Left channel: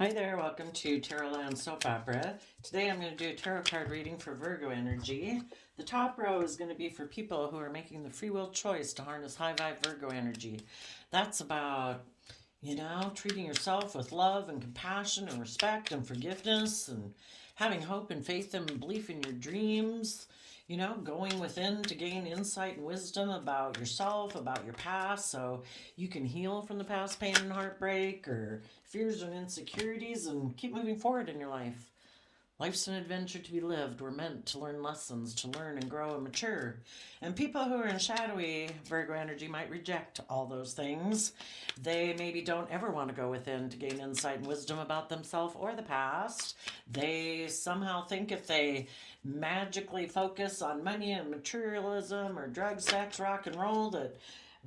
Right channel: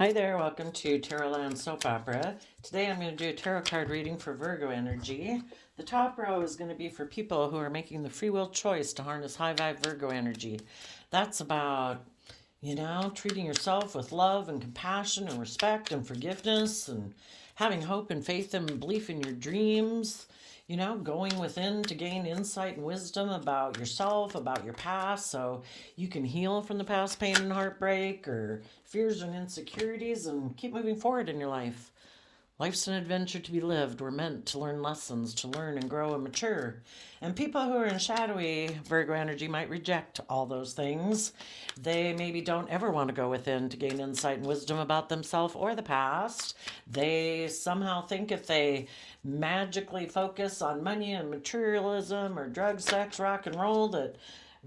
Hi there, welcome to Tarotland Soap Opera. Today I'm going to do a tarot card reading for Virgo energy. The top row is going to be for people who are making the free will choice to harness high vibe Virgo energy. That's about, treating yourself with love and compassion and respect and forgiveness and having hope and faith and belief in your dreams. Going within to gain insight and wisdom about yourself, about your past, so you can heal from the past pain and heartbreak or fears and insecurities and keep moving forward in your life. Life's an adventure to be lived. We're meant to learn lessons, to learn and grow and mature. And people who are in shadowy Virgo energy might reject all those things. They maybe don't ever want to go within to gain insight and wisdom about themselves or the past. They somehow think if they magically focus on money and materialism or drugs, sex, rock and roll, that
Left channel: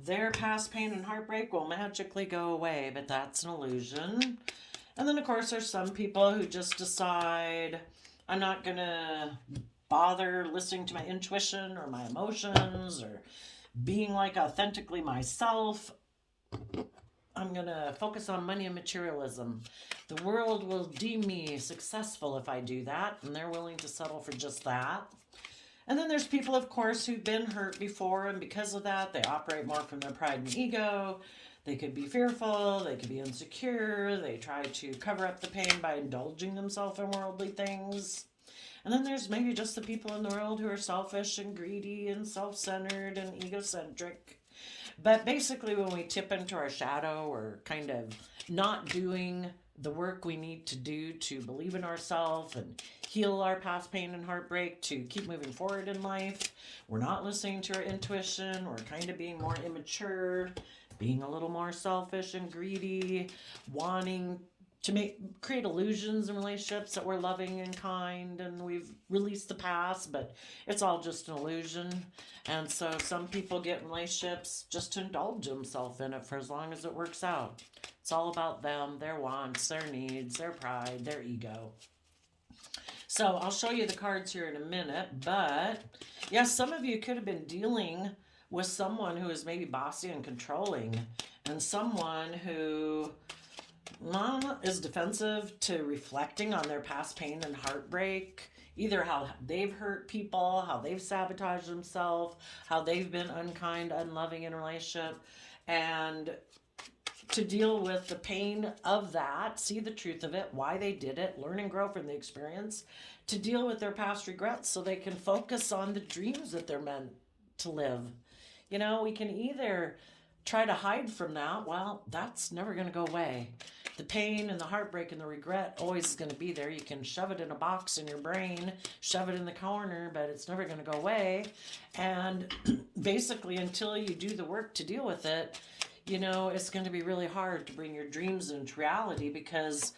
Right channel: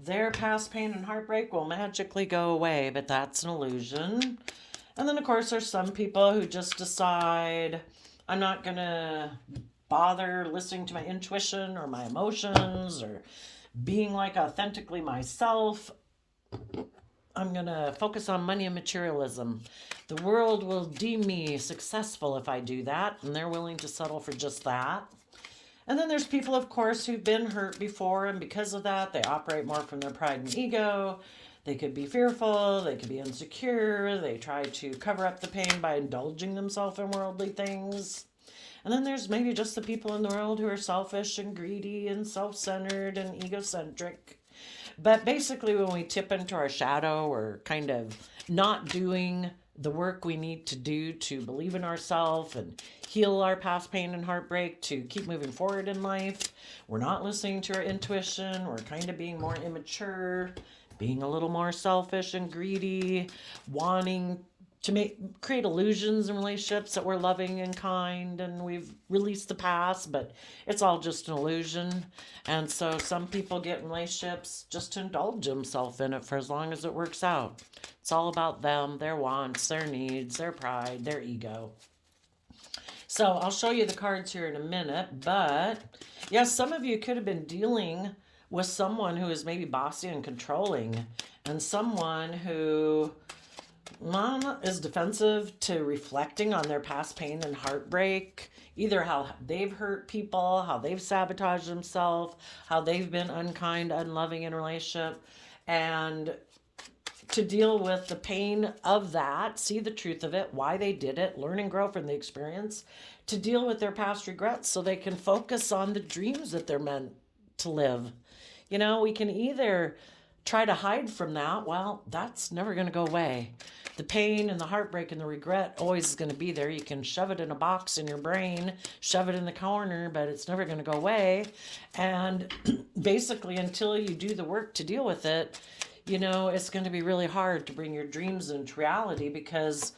their past pain and heartbreak will magically go away. But that's an illusion. And then, of course, there's some people who just decide, I'm not going to bother listening to my intuition or my emotions or being like authentically myself. I'm going to focus on money and materialism. The world will deem me successful if I do that, and they're willing to settle for just that. And then there's people, of course, who've been hurt before, and because of that, they operate more from their pride and ego. They could be fearful, they could be insecure, they try to cover up the pain by indulging themselves in worldly things. And then there's maybe just the people in the world who are selfish and greedy and self-centered and egocentric. But basically, when we tip into our shadow, we're kind of not doing the work we need to do to believe in ourselves and heal our past pain and heartbreak to keep moving forward in life. We're not listening to our intuition. We're kind of being more immature, being a little more selfish and greedy, wanting to create illusions in relationships that we're loving and kind and we've released the past, but it's all just an illusion. And so some people get in relationships just to indulge themselves in it for as long as it works out. It's all about them, their wants, their needs, their pride, their ego. So I'll show you the cards here in a minute, but yes, some of you could have been dealing with someone who is maybe bossy and controlling, and someone who is defensive to reflecting on their past pain and heartbreak, either how they've hurt people, how they've sabotaged themselves, how they've been unkind, unloving in a relationship, and to deal with the pain of that, see the truth of it, why they did it, learn and grow from the experience, to deal with their past regrets so they can focus on the dreams that they're meant to live. We can either try to hide from that. Well, that's never going to go away. The pain and the heartbreak and the regret always is going to be there. You can shove it in a box in your brain, shove it in the corner, but it's never going to go away. And basically, until you do the work to deal with it, it's going to be really hard to bring your dreams into reality because,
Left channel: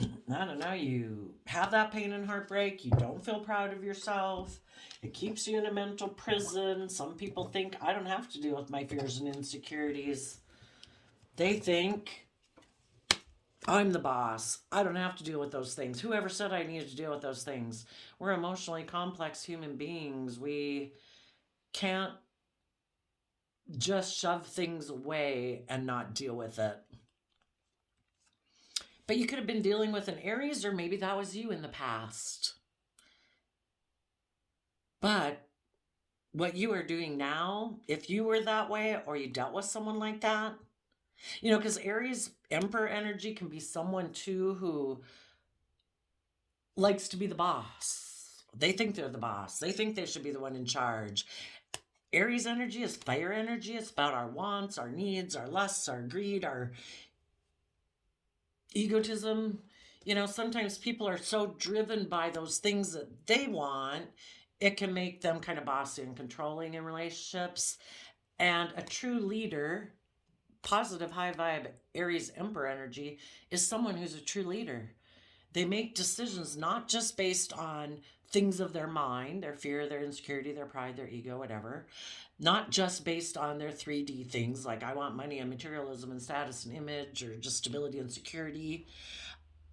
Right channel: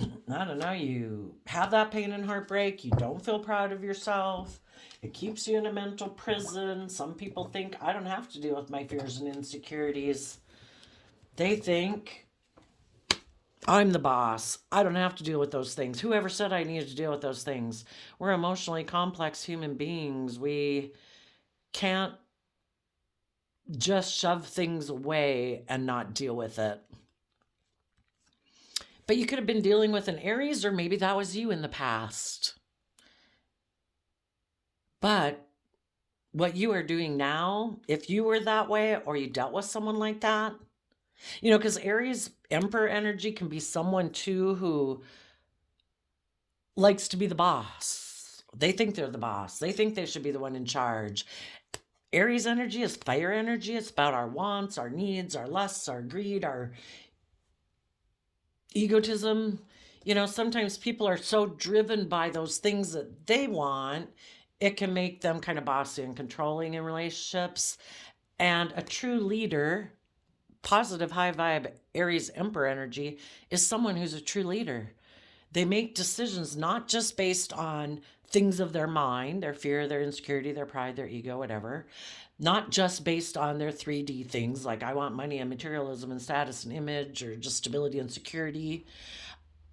I don't know, you have that pain and heartbreak, you don't feel proud of yourself, it keeps you in a mental prison. Some people think, I don't have to deal with my fears and insecurities. They think, I'm the boss. I don't have to deal with those things. Whoever said I needed to deal with those things? We're emotionally complex human beings. We can't just shove things away and not deal with it. But you could have been dealing with an Aries, or maybe that was you in the past. But what you are doing now, if you were that way or you dealt with someone like that, because Aries Emperor energy can be someone too who likes to be the boss. They think they're the boss. They think they should be the one in charge. Aries energy is fire energy. It's about our wants, our needs, our lusts, our greed, our egotism. Sometimes people are so driven by those things that they want, it can make them kind of bossy and controlling in relationships. And a true leader, positive high vibe Aries Emperor energy, is someone who's a true leader. They make decisions not just based on things of their mind, their fear, their insecurity, their pride, their ego, whatever. Not just based on their 3D things like I want money and materialism and status and image or just stability and security.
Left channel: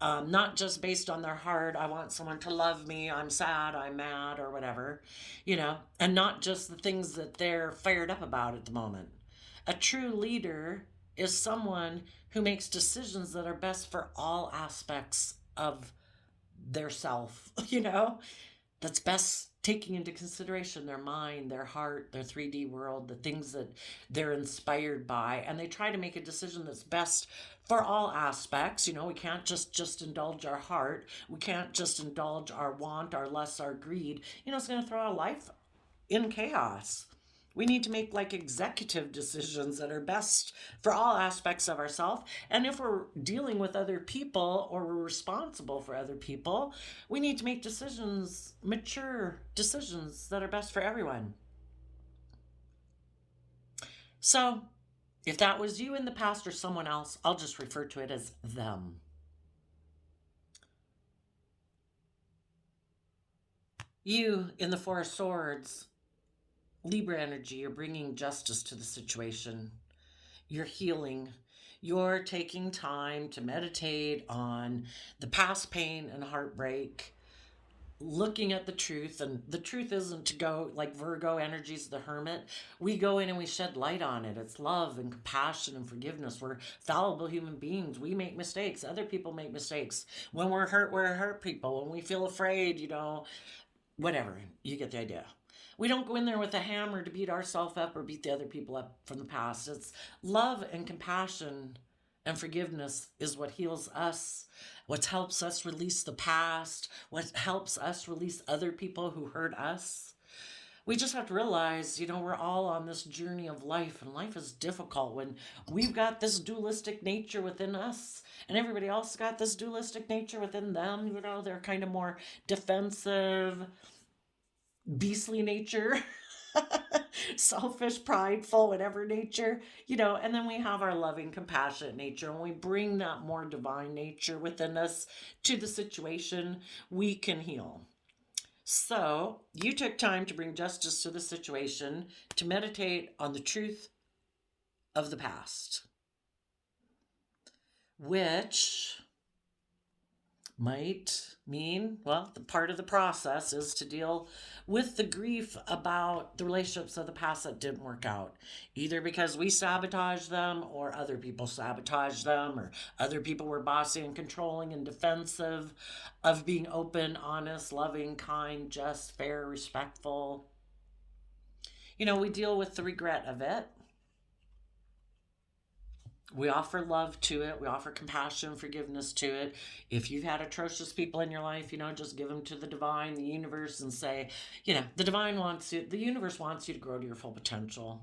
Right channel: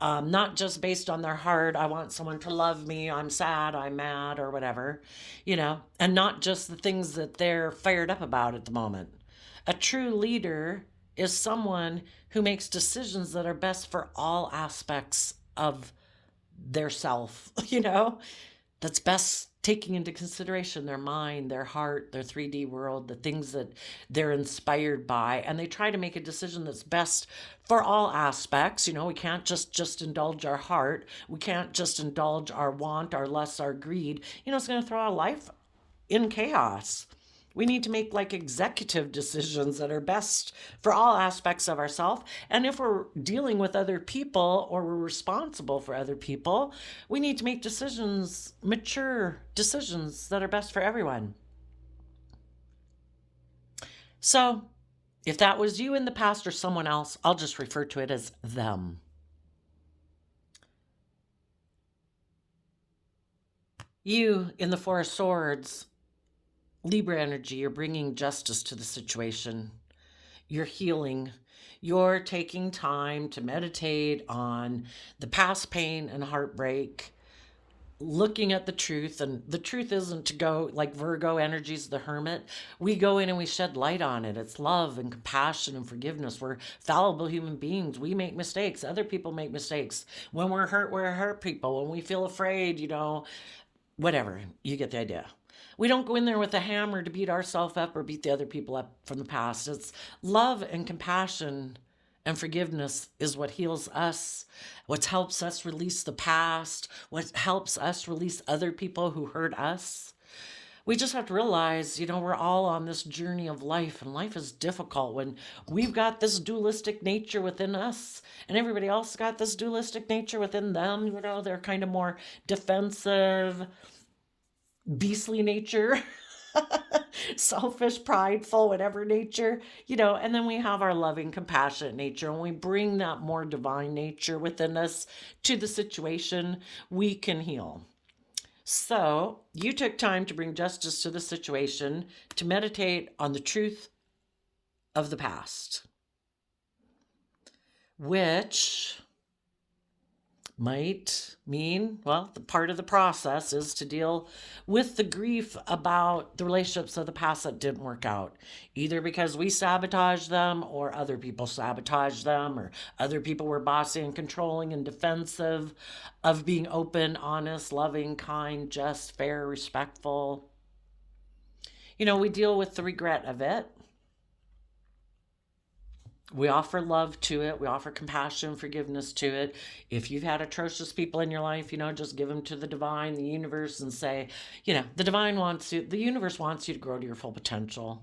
Not just based on their heart, I want someone to love me, I'm sad, I'm mad, or whatever, and not just the things that they're fired up about at the moment. A true leader is someone who makes decisions that are best for all aspects of their self, that's best taking into consideration their mind, their heart, their 3D world, the things that they're inspired by, and they try to make a decision that's best for all aspects. We can't just indulge our heart. We can't just indulge our want, our lust, our greed. It's going to throw our life in chaos. We need to make like executive decisions that are best for all aspects of ourselves. And if we're dealing with other people or we're responsible for other people, we need to make decisions, mature decisions that are best for everyone. So if that was you in the past or someone else, I'll just refer to it as them. You in the Four of Swords, Libra energy, you're bringing justice to the situation. You're healing. You're taking time to meditate on the past pain and heartbreak, looking at the truth. And the truth isn't to go like Virgo energy's the hermit. We go in and we shed light on it. It's love and compassion and forgiveness. We're fallible human beings. We make mistakes. Other people make mistakes. When we're hurt people. When we feel afraid, whatever. You get the idea. We don't go in there with a hammer to beat ourselves up or beat the other people up from the past. It's love and compassion and forgiveness is what heals us, what helps us release the past, what helps us release other people who hurt us. We just have to realize, we're all on this journey of life, and life is difficult when we've got this dualistic nature within us, and everybody else got this dualistic nature within them. They're kind of more defensive, beastly nature, selfish, prideful, whatever nature, and then we have our loving, compassionate nature, and we bring that more divine nature within us to the situation, we can heal. So you took time to bring justice to the situation, to meditate on the truth of the past, which might mean, the part of the process is to deal with the grief about the relationships of the past that didn't work out, either because we sabotaged them or other people sabotaged them, or other people were bossy and controlling and defensive of being open, honest, loving, kind, just, fair, respectful. We deal with the regret of it. We offer love to it. We offer compassion, forgiveness to it. If you've had atrocious people in your life, just give them to the divine, the universe, and say, the divine wants you, the universe wants you to grow to your full potential.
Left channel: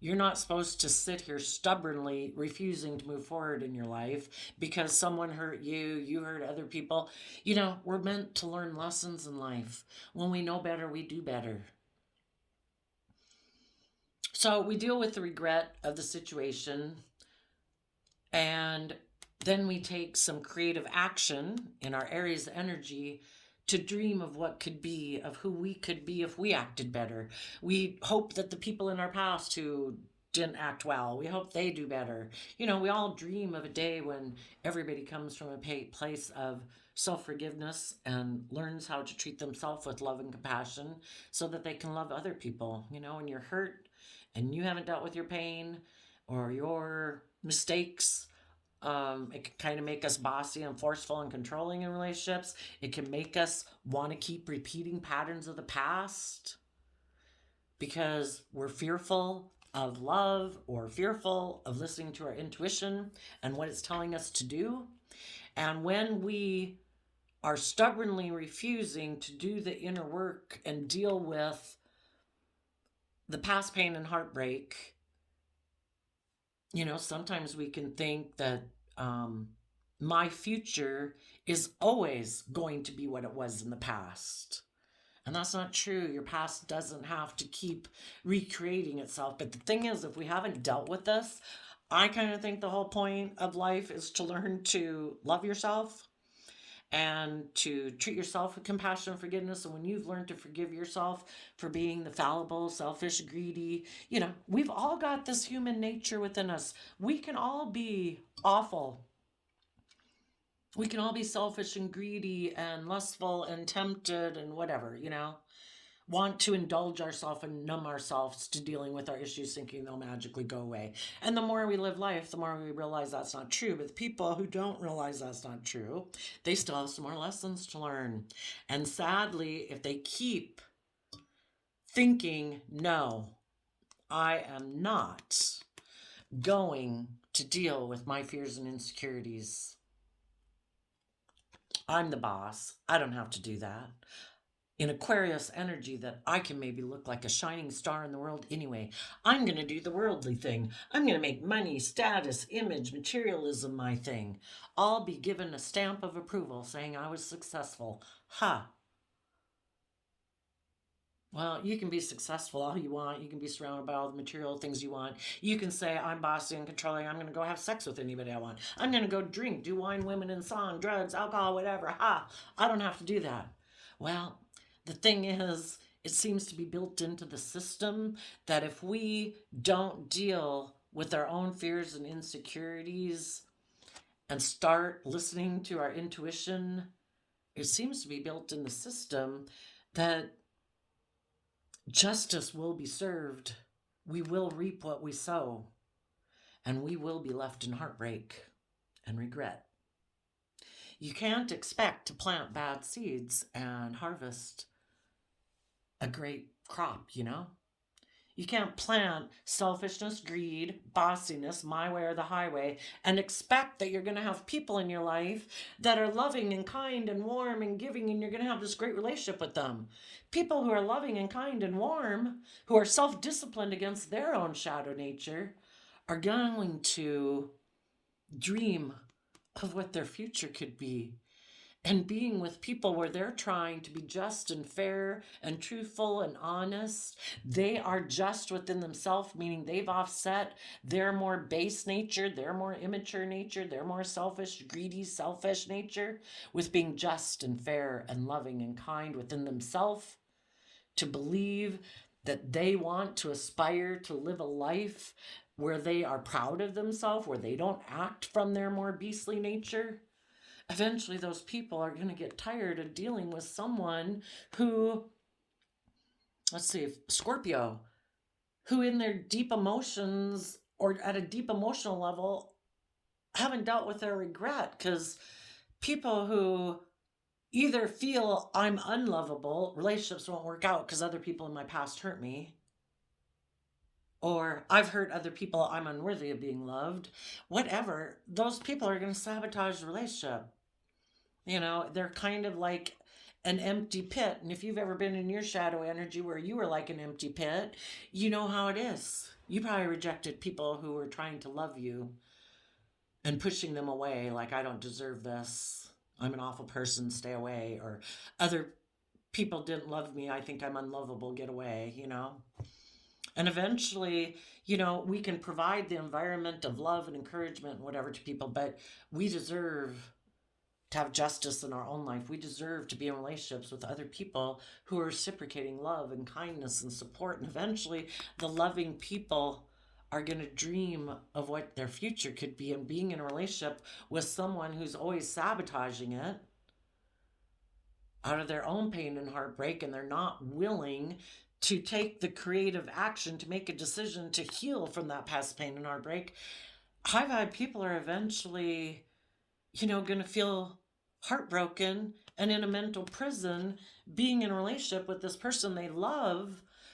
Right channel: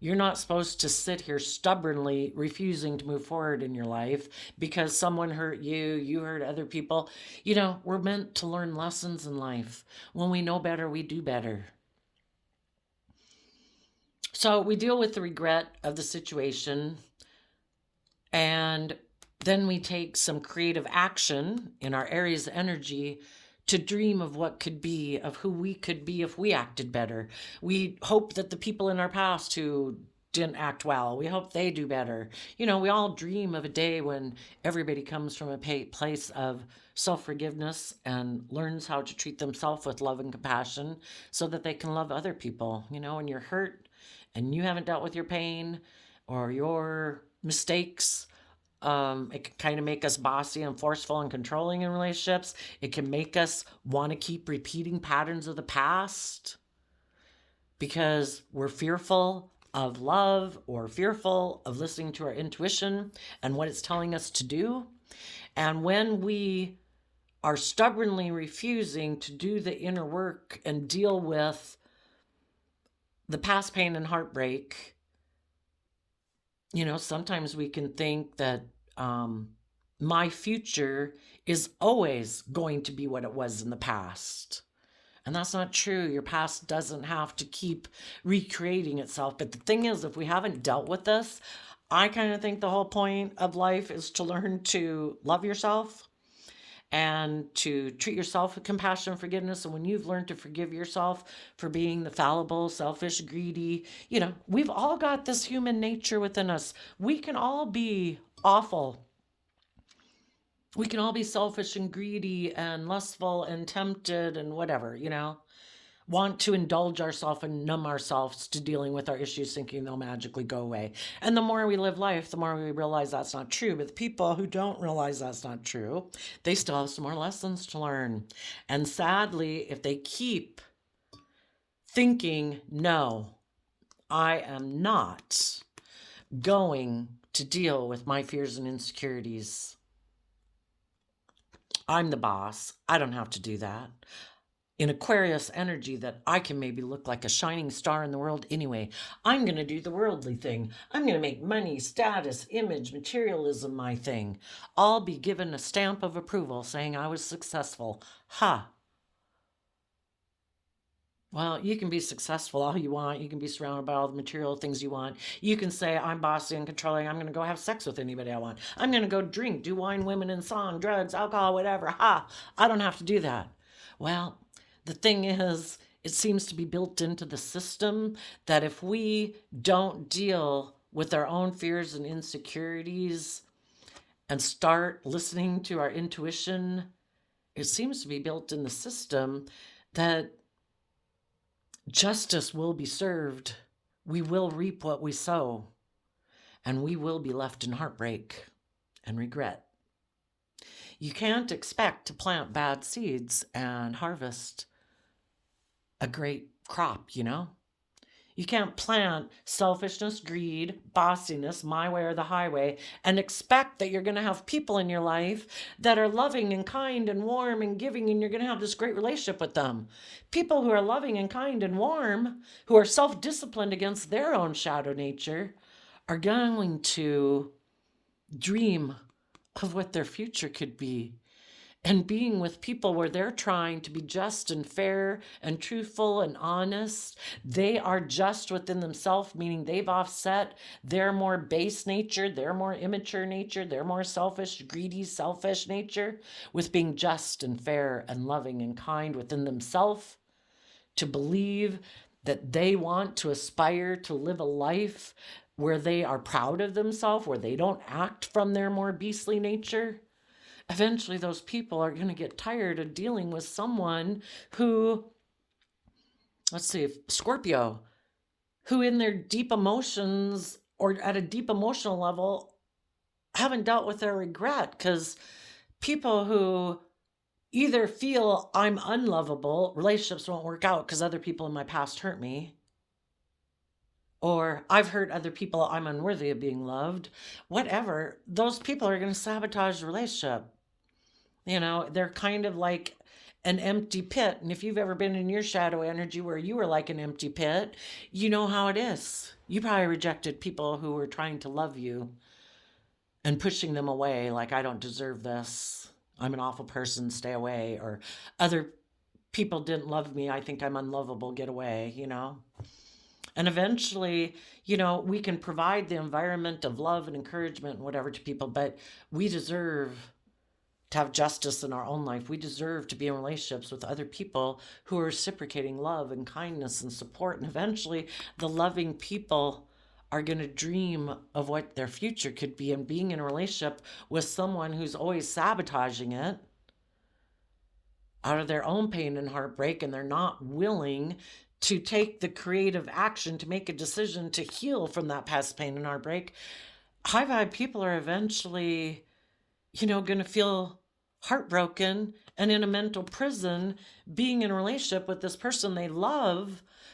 You're not supposed to sit here stubbornly refusing to move forward in your life because someone hurt you, you hurt other people. We're meant to learn lessons in life. When we know better, we do better. So we deal with the regret of the situation, and then we take some creative action in our areas of energy to dream of what could be, of who we could be if we acted better. We hope that the people in our past who didn't act well, we hope they do better. We all dream of a day when everybody comes from a place of self-forgiveness and learns how to treat themselves with love and compassion so that they can love other people. When you're hurt and you haven't dealt with your pain or your mistakes, it can kind of make us bossy and forceful and controlling in relationships. It can make us want to keep repeating patterns of the past because we're fearful of love or fearful of listening to our intuition and what it's telling us to do. And when we are stubbornly refusing to do the inner work and deal with the past pain and heartbreak, sometimes we can think that my future is always going to be what it was in the past. And that's not true. Your past doesn't have to keep recreating itself. But the thing is, if we haven't dealt with this, I kind of think the whole point of life is to learn to love yourself and to treat yourself with compassion and forgiveness. And when you've learned to forgive yourself for being the fallible, selfish, greedy, we've all got this human nature within us. We can all be awful. We can all be selfish and greedy and lustful and tempted and whatever. want to indulge ourselves and numb ourselves to dealing with our issues, thinking they'll magically go away. And the more we live life, the more we realize that's not true. But the people who don't realize that's not true, they still have some more lessons to learn. And sadly, if they keep thinking, no, I am not going to deal with my fears and insecurities. I'm the boss. I don't have to do that. In Aquarius energy, that I can maybe look like a shining star in the world anyway. I'm going to do the worldly thing. I'm going to make money, status, image, materialism my thing. I'll be given a stamp of approval saying I was successful. Ha! Well, you can be successful all you want. You can be surrounded by all the material things you want. You can say, I'm bossy and controlling. I'm going to go have sex with anybody I want. I'm going to go drink, do wine, women, and song, drugs, alcohol, whatever. Ha! I don't have to do that. Well, the thing is, it seems to be built into the system that if we don't deal with our own fears and insecurities and start listening to our intuition, it seems to be built in the system that justice will be served. We will reap what we sow, and we will be left in heartbreak and regret. You can't expect to plant bad seeds and harvest a great crop, you know? You can't plant selfishness, greed, bossiness, my way or the highway, and expect that you're going to have people in your life that are loving and kind and warm and giving, and you're going to have this great relationship with them. People who are loving and kind and warm, who are self-disciplined against their own shadow nature, are going to dream of what their future could be. And being with people where they're trying to be just and fair and truthful and honest, they are just within themselves, meaning they've offset their more base nature, their more immature nature, their more selfish, greedy, selfish nature with being just and fair and loving and kind within themselves, to believe that they want to aspire to live a life where they are proud of themselves, where they don't act from their more beastly nature. Eventually those people are going to get tired of dealing with someone who, let's see, Scorpio, who in their deep emotions or at a deep emotional level haven't dealt with their regret. Because people who either feel I'm unlovable, relationships won't work out because other people in my past hurt me, or I've hurt other people, I'm unworthy of being loved, whatever, those people are going to sabotage the relationship. You know, they're kind of like an empty pit. And if you've ever been in your shadow energy where you were like an empty pit, you know how it is. You probably rejected people who were trying to love you and pushing them away, like, I don't deserve this. I'm an awful person, stay away. Or other people didn't love me, I think I'm unlovable, get away, you know? And eventually, you know, we can provide the environment of love and encouragement and whatever to people, but we deserve to have justice in our own life. We deserve to be in relationships with other people who are reciprocating love and kindness and support. And eventually, the loving people are going to dream of what their future could be, and being in a relationship with someone who's always sabotaging it out of their own pain and heartbreak, and they're not willing to take the creative action to make a decision to heal from that past pain and heartbreak. High vibe people are eventually, you know, going to feel heartbroken and in a mental prison, being in a relationship with this person they love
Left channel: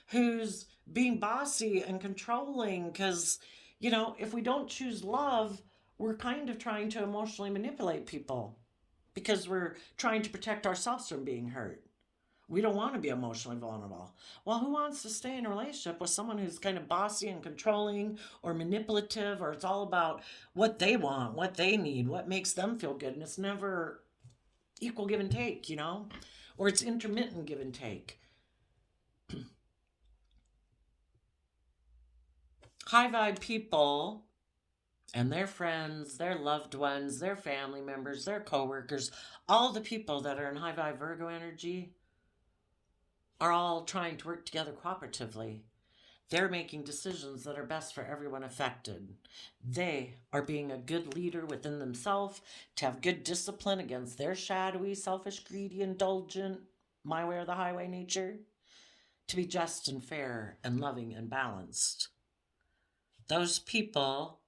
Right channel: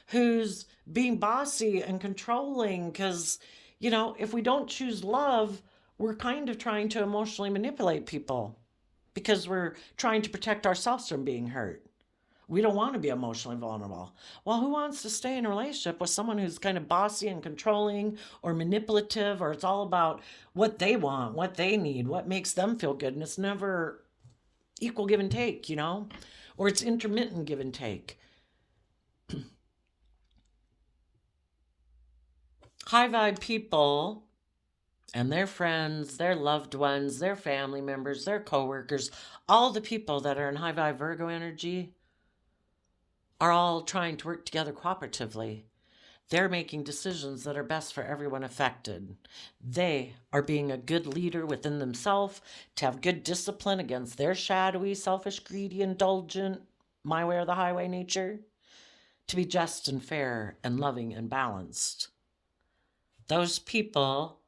who's being bossy and controlling. Because, you know, if we don't choose love, we're kind of trying to emotionally manipulate people because we're trying to protect ourselves from being hurt. We don't want to be emotionally vulnerable. Well, who wants to stay in a relationship with someone who's kind of bossy and controlling or manipulative, or it's all about what they want, what they need, what makes them feel good, and it's never equal give and take, you know? Or it's intermittent give and take. High vibe people and their friends, their loved ones, their family members, their coworkers, all the people that are in high vibe Virgo energy are all trying to work together cooperatively. They're making decisions that are best for everyone affected. They are being a good leader within themselves to have good discipline against their shadowy, selfish, greedy, indulgent, my way or the highway nature. to be just and fair and loving and balanced. Those people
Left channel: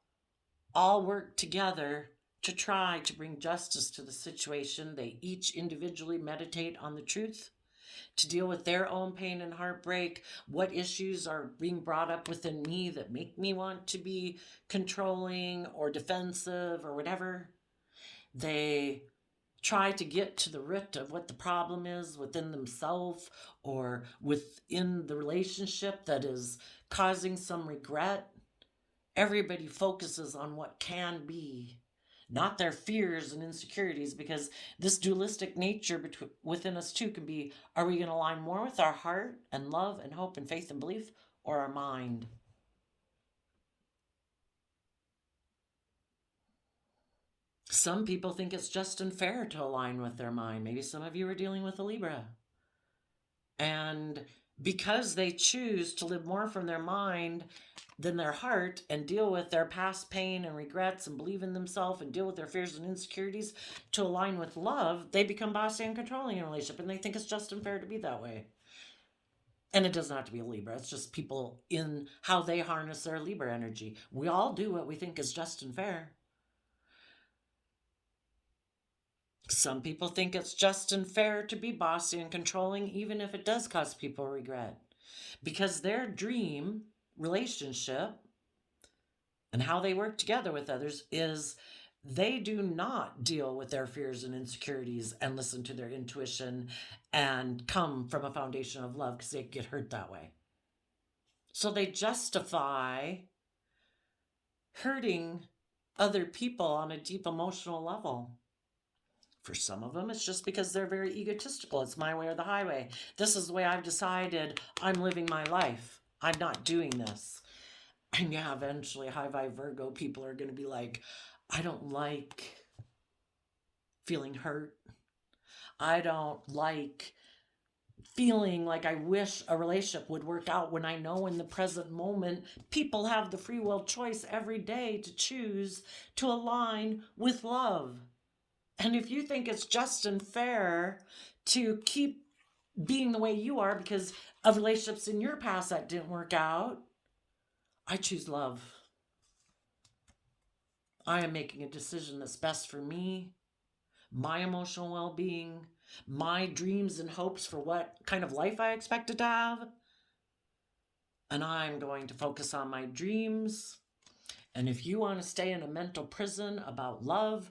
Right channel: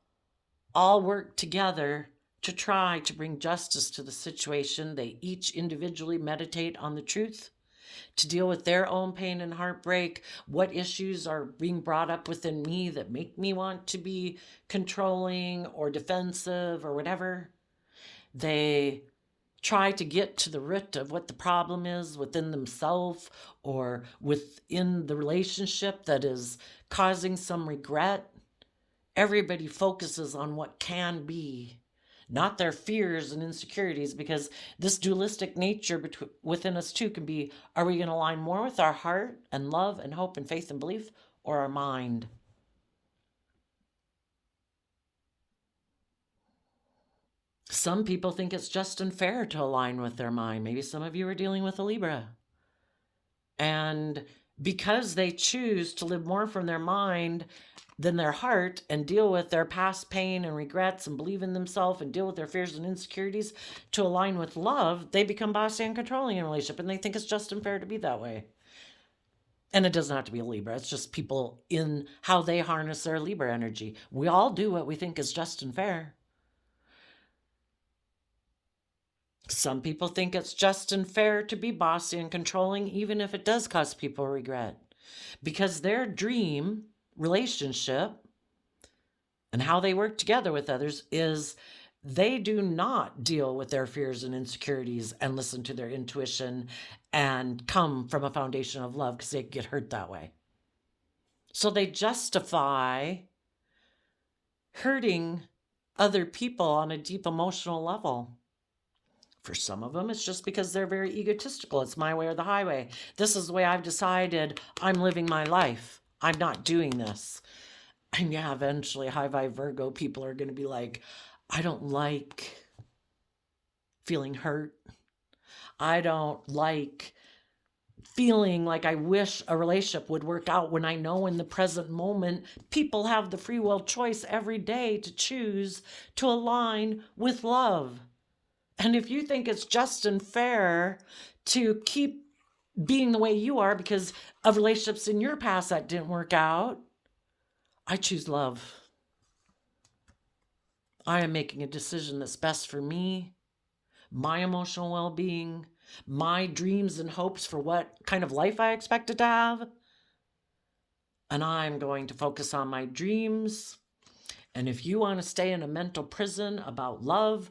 all work together to try to bring justice to the situation. They each individually meditate on the truth to deal with their own pain and heartbreak. What issues are being brought up within me that make me want to be controlling or defensive or whatever? They try to get to the root of what the problem is within themselves or within the relationship that is causing some regret. Everybody focuses on what can be, not their fears and insecurities, because this dualistic nature within us too can be, are we going to align more with our heart and love and hope and faith and belief, or our mind? Some people think it's just and fair to align with their mind. Maybe some of you are dealing with a Libra. And because they choose to live more from their mind than their heart and deal with their past pain and regrets and believe in themselves and deal with their fears and insecurities to align with love, they become bossy and controlling in a relationship, and they think it's just and fair to be that way. And it doesn't have to be a Libra. It's just people in how they harness their Libra energy. We all do what we think is just and fair. Some people think it's just and fair to be bossy and controlling, even if it does cause people regret. Because their dream relationship and how they work together with others is they do not deal with their fears and insecurities and listen to their intuition and come from a foundation of love, because they get hurt that way. So they justify hurting other people on a deep emotional level. For some of them, it's just because they're very egotistical. It's my way or the highway. This is the way I've decided I'm living my life. I'm not doing this. And yeah, eventually high vibe Virgo people are going to be like, I don't like feeling hurt. I don't like feeling like I wish a relationship would work out, when I know in the present moment people have the free will choice every day to choose to align with love. And if you think it's just and fair to keep being the way you are because of relationships in your past that didn't work out, I choose love. I am making a decision that's best for me, my emotional well-being, my dreams and hopes for what kind of life I expected to have. And I'm going to focus on my dreams. And if you want to stay in a mental prison about love,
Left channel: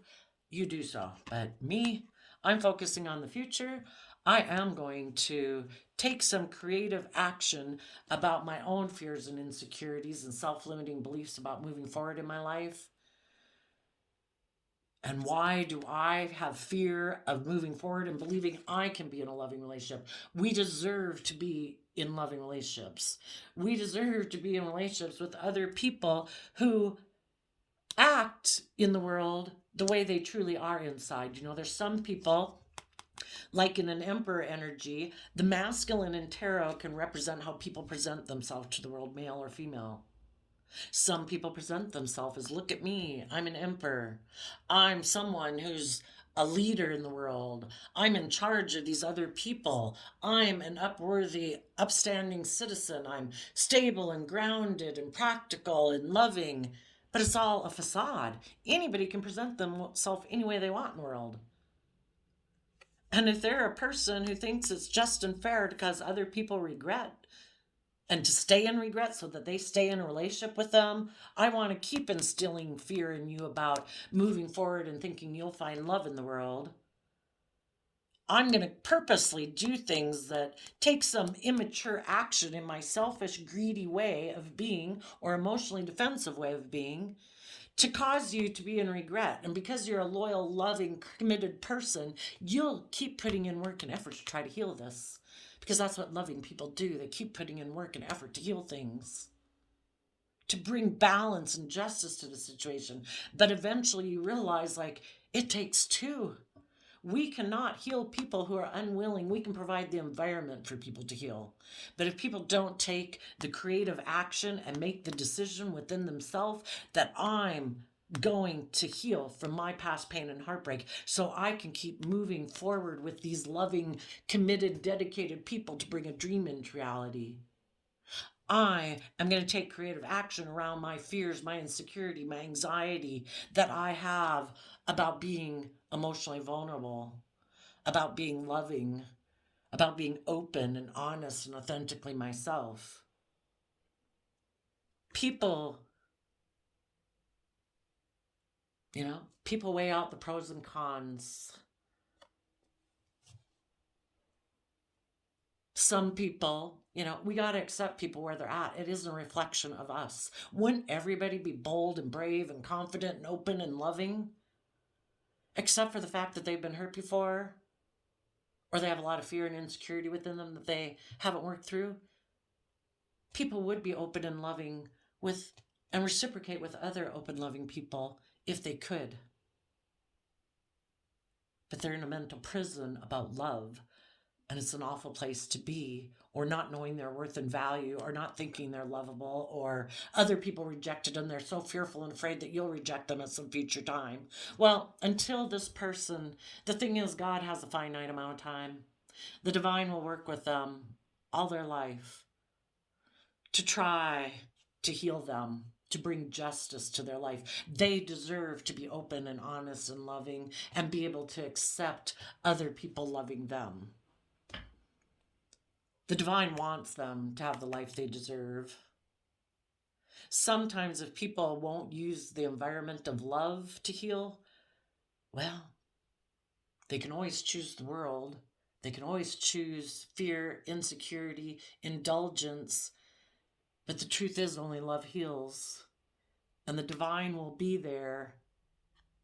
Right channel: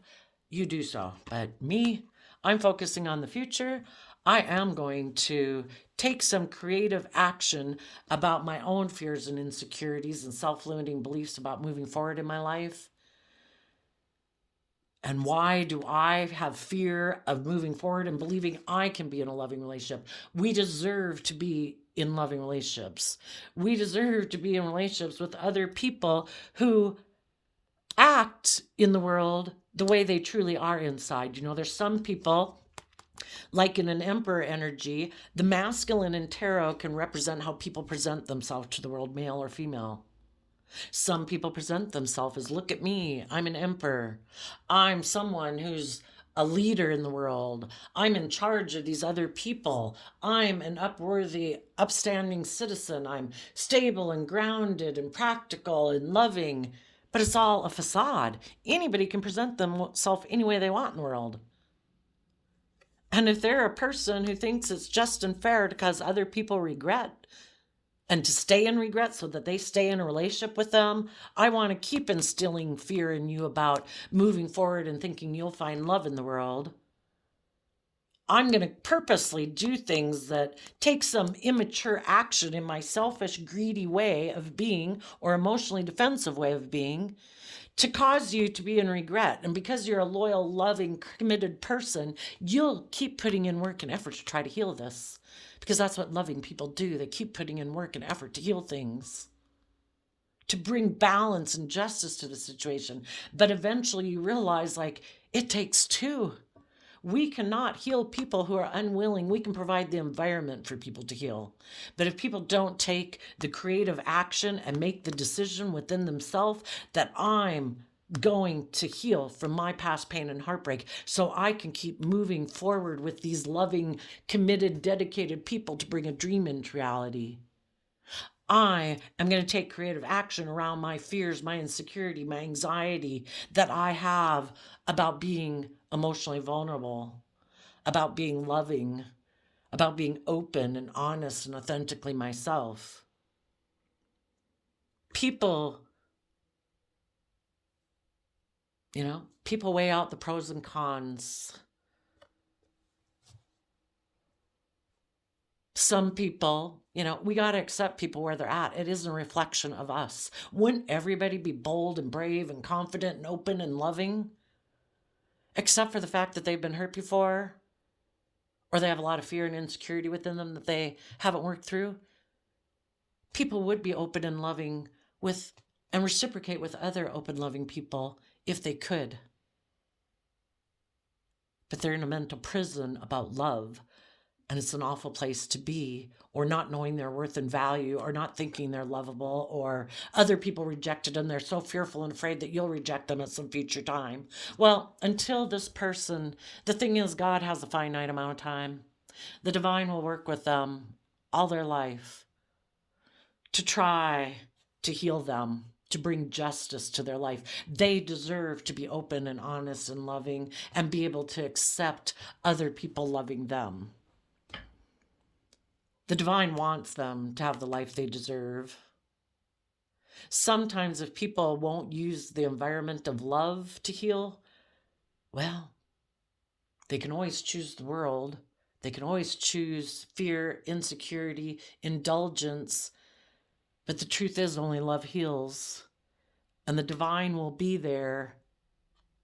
you do so. But me, I'm focusing on the future. I am going to take some creative action about my own fears and insecurities and self-limiting beliefs about moving forward in my life. And why do I have fear of moving forward and believing I can be in a loving relationship? We deserve to be in loving relationships. We deserve to be in relationships with other people who act in the world the way they truly are inside. You know, there's some people, like in an emperor energy, the masculine in tarot can represent how people present themselves to the world, male or female. Some people present themselves as, look at me, I'm an emperor. I'm someone who's a leader in the world. I'm in charge of these other people. I'm an upstanding citizen. I'm stable and grounded and practical and loving. But it's all a facade. Anybody can present themselves any way they want in the world. And if they're a person who thinks it's just and fair to cause other people regret and to stay in regret so that they stay in a relationship with them, I want to keep instilling fear in you about moving forward and thinking you'll find love in the world. I'm going to purposely do things that take some immature action in my selfish, greedy way of being, or emotionally defensive way of being, to cause you to be in regret. And because you're a loyal, loving, committed person, you'll keep putting in work and effort to try to heal this. Because that's what loving people do. They keep putting in work and effort to heal things, to bring balance and justice to the situation. But eventually you realize, like, it takes two. We cannot heal people who are unwilling. We can provide the environment for people to heal. But if people don't take the creative action and make the decision within themselves that I'm going to heal from my past pain and heartbreak so I can keep moving forward with these loving, committed, dedicated people to bring a dream into reality. I am going to take creative action around my fears, my insecurity, my anxiety that I have about being emotionally vulnerable, about being loving, about being open and honest and authentically myself. People, people weigh out the pros and cons. Some people, we got to accept people where they're at. It isn't a reflection of us. Wouldn't everybody be bold and brave and confident and open and loving? Except for the fact that they've been hurt before, or they have a lot of fear and insecurity within them that they haven't worked through. People would be open and loving with and reciprocate with other open, loving people if they could. But they're in a mental prison about love. And it's an awful place to be, or not knowing their worth and value, or not thinking they're lovable, or other people rejected them. They're so fearful and afraid that you'll reject them at some future time. Well, until this person, the thing is, God has a finite amount of time. The divine will work with them all their life to try to heal them, to bring justice to their life. They deserve to be open and honest and loving and be able to accept other people loving them. The divine wants them to have the life they deserve. Sometimes if people won't use the environment of love to heal, well, they can always choose the world. They can always choose fear, insecurity, indulgence. But the truth is only love heals. And the divine will be there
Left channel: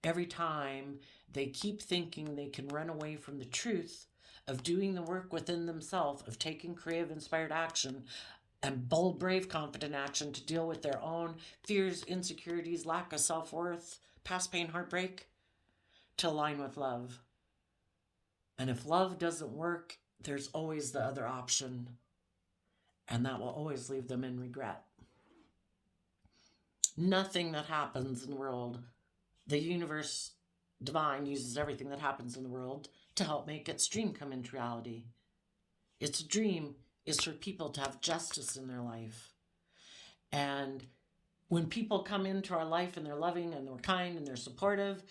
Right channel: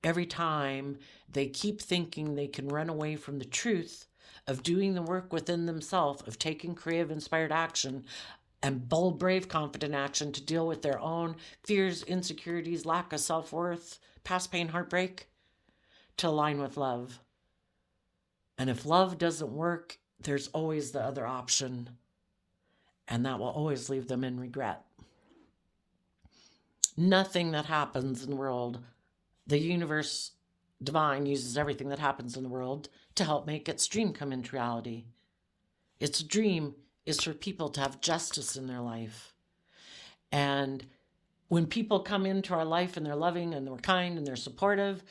every time they keep thinking they can run away from the truth of doing the work within themselves, of taking creative, inspired action and bold, brave, confident action to deal with their own fears, insecurities, lack of self-worth, past pain, heartbreak, to align with love. And if love doesn't work, there's always the other option, and that will always leave them in regret. Nothing that happens in the world, the universe, divine, uses everything that happens in the world to help make its dream come into reality. Its dream is for people to have justice in their life. And when people come into our life and they're loving and they're kind and they're supportive,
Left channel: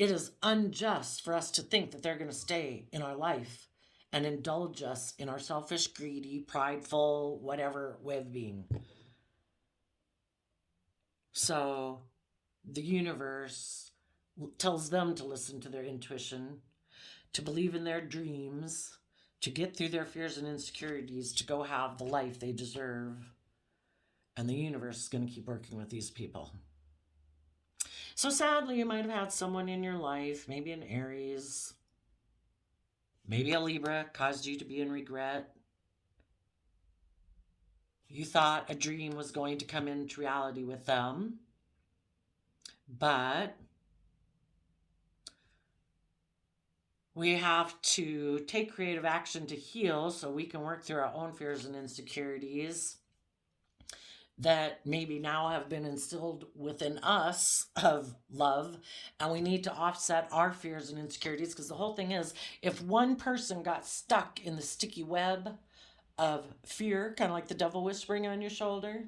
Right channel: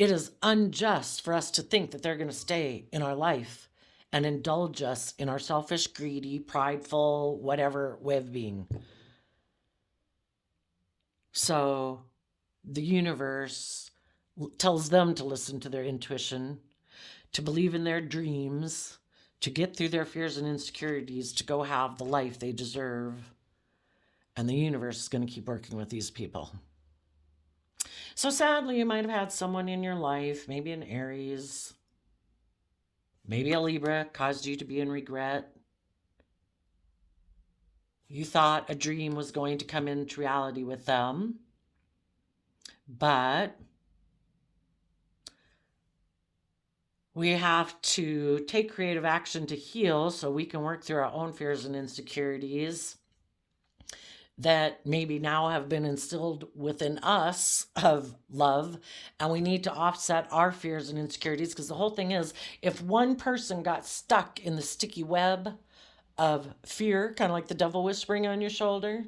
it is unjust for us to think that they're going to stay in our life and indulge us in our selfish, greedy, prideful, whatever way of being. So the universe tells them to listen to their intuition, to believe in their dreams, to get through their fears and insecurities, to go have the life they deserve. And the universe is going to keep working with these people. So sadly, you might have had someone in your life, maybe an Aries, maybe a Libra, caused you to be in regret. You thought a dream was going to come into reality with them, but we have to take creative action to heal so we can work through our own fears and insecurities that maybe now have been instilled within us of love. And we need to offset our fears and insecurities, because the whole thing is, if one person got stuck in the sticky web of fear, kind of like the devil whispering on your shoulder,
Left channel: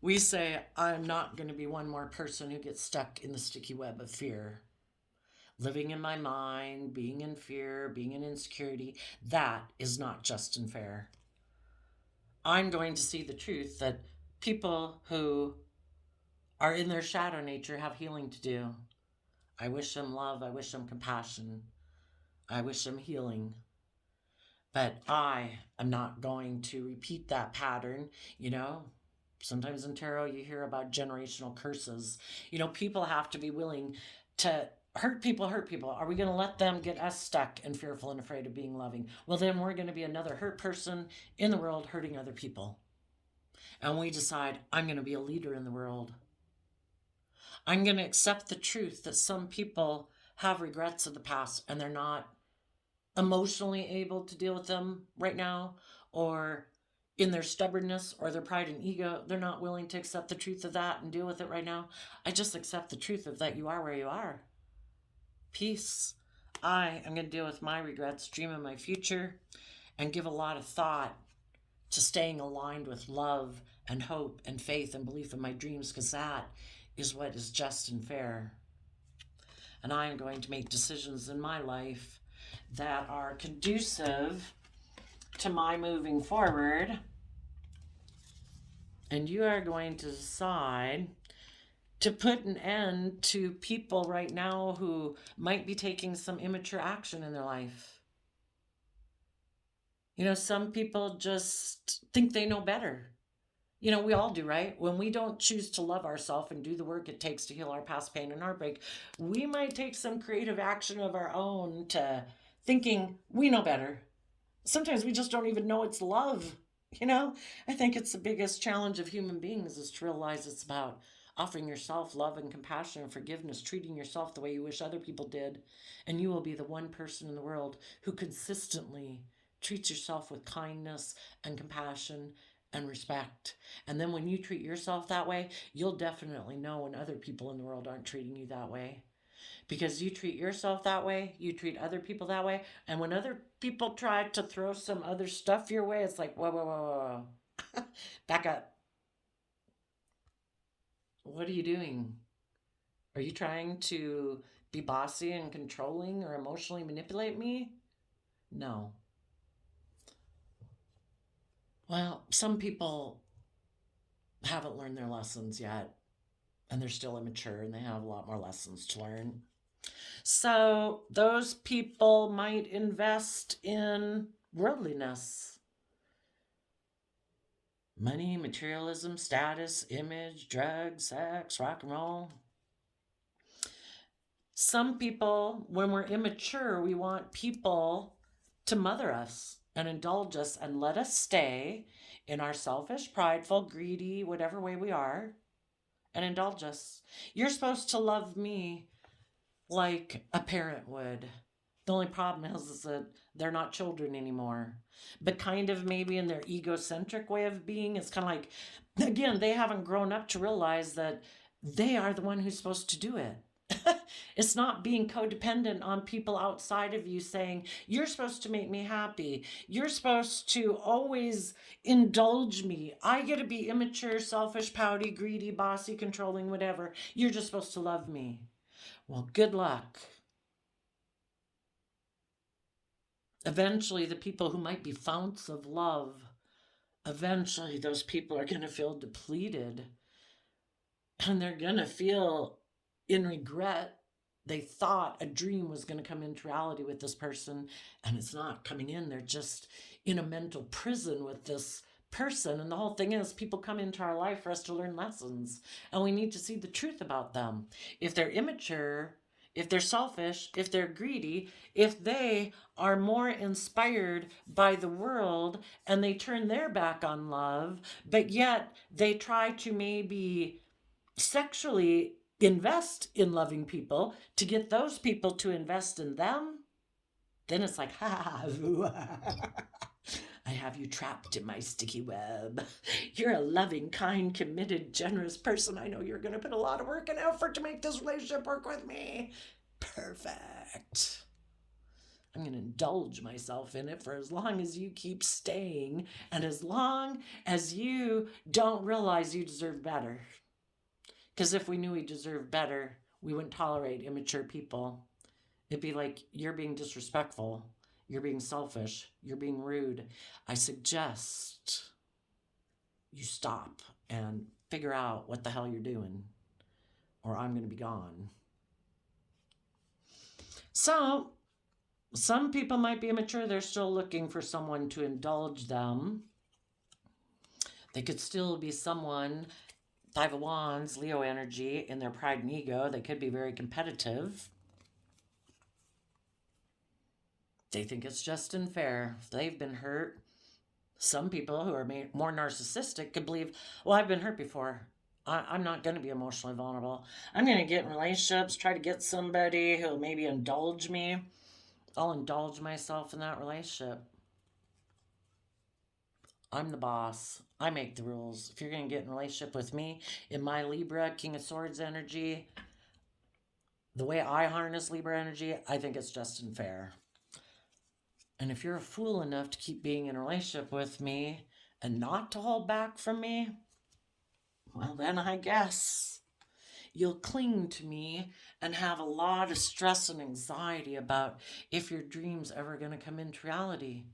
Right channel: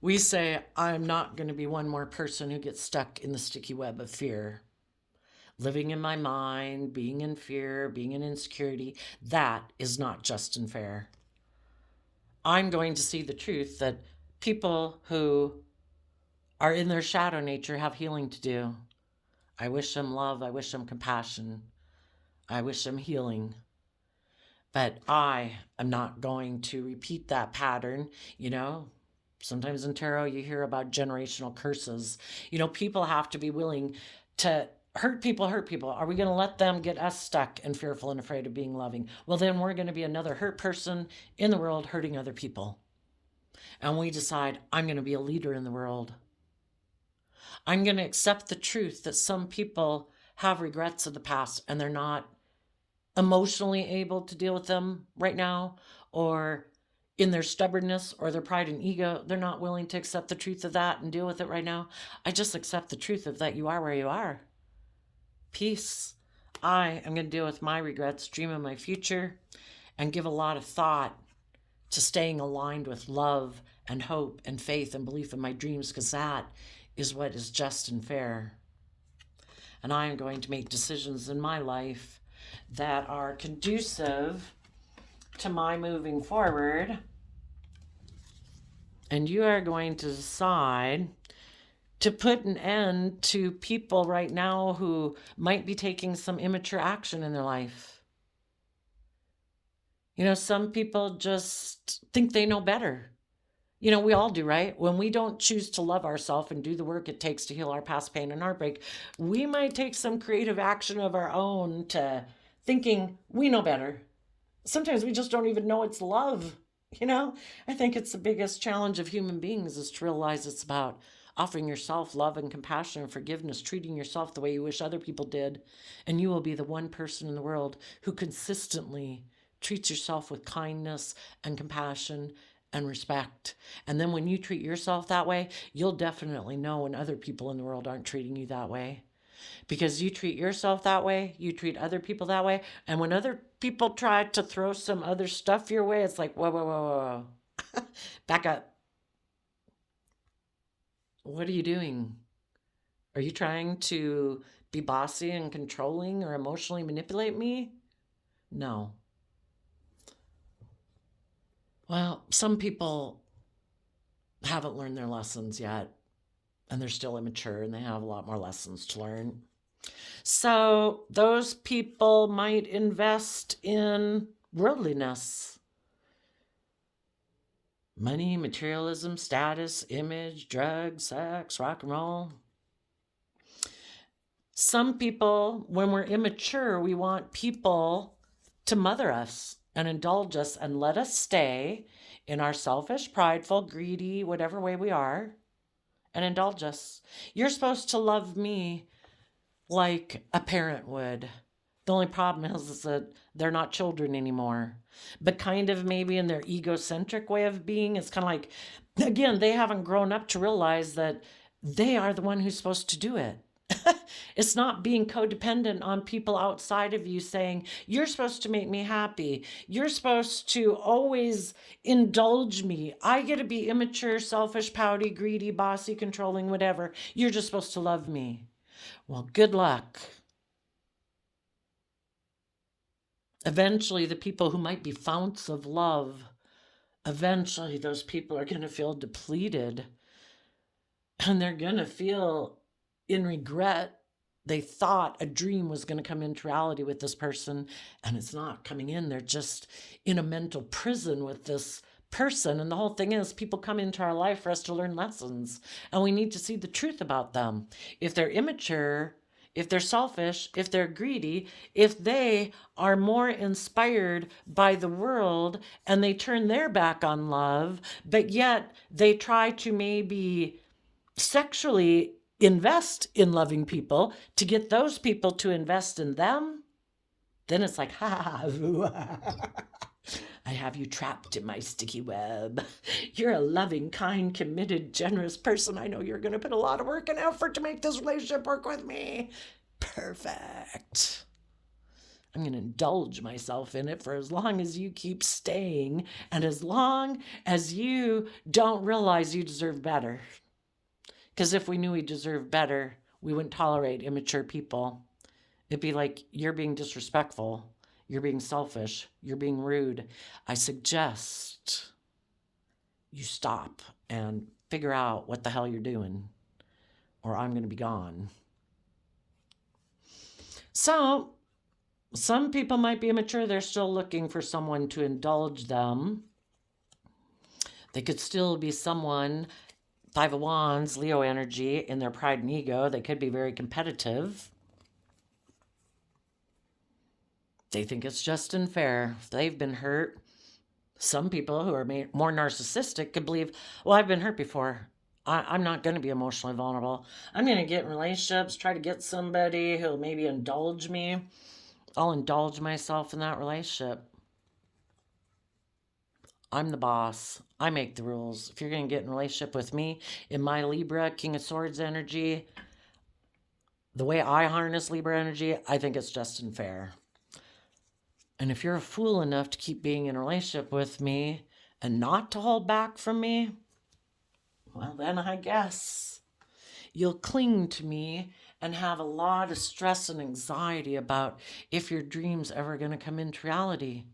we say, I'm not going to be one more person who gets stuck in the sticky web of fear. Living in my mind, being in fear, being in insecurity, that is not just and fair. I'm going to see the truth that people who are in their shadow nature have healing to do. I wish them love. I wish them compassion. I wish them healing. But I am not going to repeat that pattern. Sometimes in tarot you hear about generational curses. People have to be willing to hurt people. Are we going to let them get us stuck and fearful and afraid of being loving? Well, then we're going to be another hurt person in the world hurting other people. And we decide, I'm going to be a leader in the world. I'm going to accept the truth that some people have regrets of the past and they're not emotionally able to deal with them right now, or in their stubbornness or their pride and ego, they're not willing to accept the truth of that and deal with it right now. I just accept the truth of that you are where you are. Peace. I am going to deal with my regrets, dream of my future, and give a lot of thought to staying aligned with love and hope and faith and belief in my dreams, because that is what is just and fair. And I am going to make decisions in my life that are conducive to my moving forward. And you are going to decide to put an end to people right now who might be taking some immature action in their life. You know, some people just think they know better. You know, we all do, right? When we don't choose to love ourselves and do the work it takes to heal our past pain and heartbreak, we might take some creative action of our own to thinking we know better. Sometimes we just don't even know it's love. You know, I think it's the biggest challenge of human beings is to realize it's about offering yourself love and compassion and forgiveness, treating yourself the way you wish other people did. And you will be the one person in the world who consistently treats yourself with kindness and compassion and respect. And then when you treat yourself that way, you'll definitely know when other people in the world aren't treating you that way. Because you treat yourself that way, you treat other people that way. And when other people try to throw some other stuff your way, it's like, whoa, whoa, whoa, whoa, whoa. Back up. What are you doing? Are you trying to be bossy and controlling or emotionally manipulate me? No. Well, some people haven't learned their lessons yet, and they're still immature and they have a lot more lessons to learn. So those people might invest in worldliness, money, materialism, status, image, drugs, sex, rock and roll. Some people, when we're immature, we want people to mother us and indulge us and let us stay in our selfish, prideful, greedy, whatever way we are, and indulge us. You're supposed to love me like a parent would. The only problem is that they're not children anymore. But kind of maybe in their egocentric way of being, it's kind of like, again, they haven't grown up to realize that they are the one who's supposed to do it. It's not being codependent on people outside of you saying, you're supposed to make me happy. You're supposed to always indulge me. I get to be immature, selfish, pouty, greedy, bossy, controlling, whatever. You're just supposed to love me. Well, good luck. Eventually, the people who might be founts of love, eventually those people are going to feel depleted and they're going to feel in regret. They thought a dream was going to come into reality with this person, and it's not coming in. They're just in a mental prison with this person. And the whole thing is, people come into our life for us to learn lessons, and we need to see the truth about them. If they're immature, if they're selfish, if they're greedy, if they are more inspired by the world and they turn their back on love, but yet they try to maybe sexually invest in loving people to get those people to invest in them, then it's like, ha, I have you trapped in my sticky web. You're a loving, kind, committed, generous person. I know you're going to put a lot of work and effort to make this relationship work with me. Perfect. I'm going to indulge myself in it for as long as you keep staying and as long as you don't realize you deserve better. Because if we knew we deserved better, we wouldn't tolerate immature people. It'd be like, you're being disrespectful. You're being selfish. You're being rude. I suggest you stop and figure out what the hell you're doing, or I'm going to be gone. So, some people might be immature. They're still looking for someone to indulge them. They could still be someone, Five of Wands, Leo energy, in their pride and ego. They could be very competitive. They think it's just and fair. They've been hurt. Some people who are more narcissistic could believe, well, I've been hurt before. I'm not going to be emotionally vulnerable. I'm going to get in relationships, try to get somebody who'll maybe indulge me. I'll indulge myself in that relationship. I'm the boss. I make the rules. If you're going to get in a relationship with me in my Libra, King of Swords energy, the way I harness Libra energy, I think it's just and fair. And if you're a fool enough to keep being in a relationship with me and not to hold back from me, well, then I guess you'll cling to me and have a lot of stress and anxiety about if your dream's ever going to come into reality.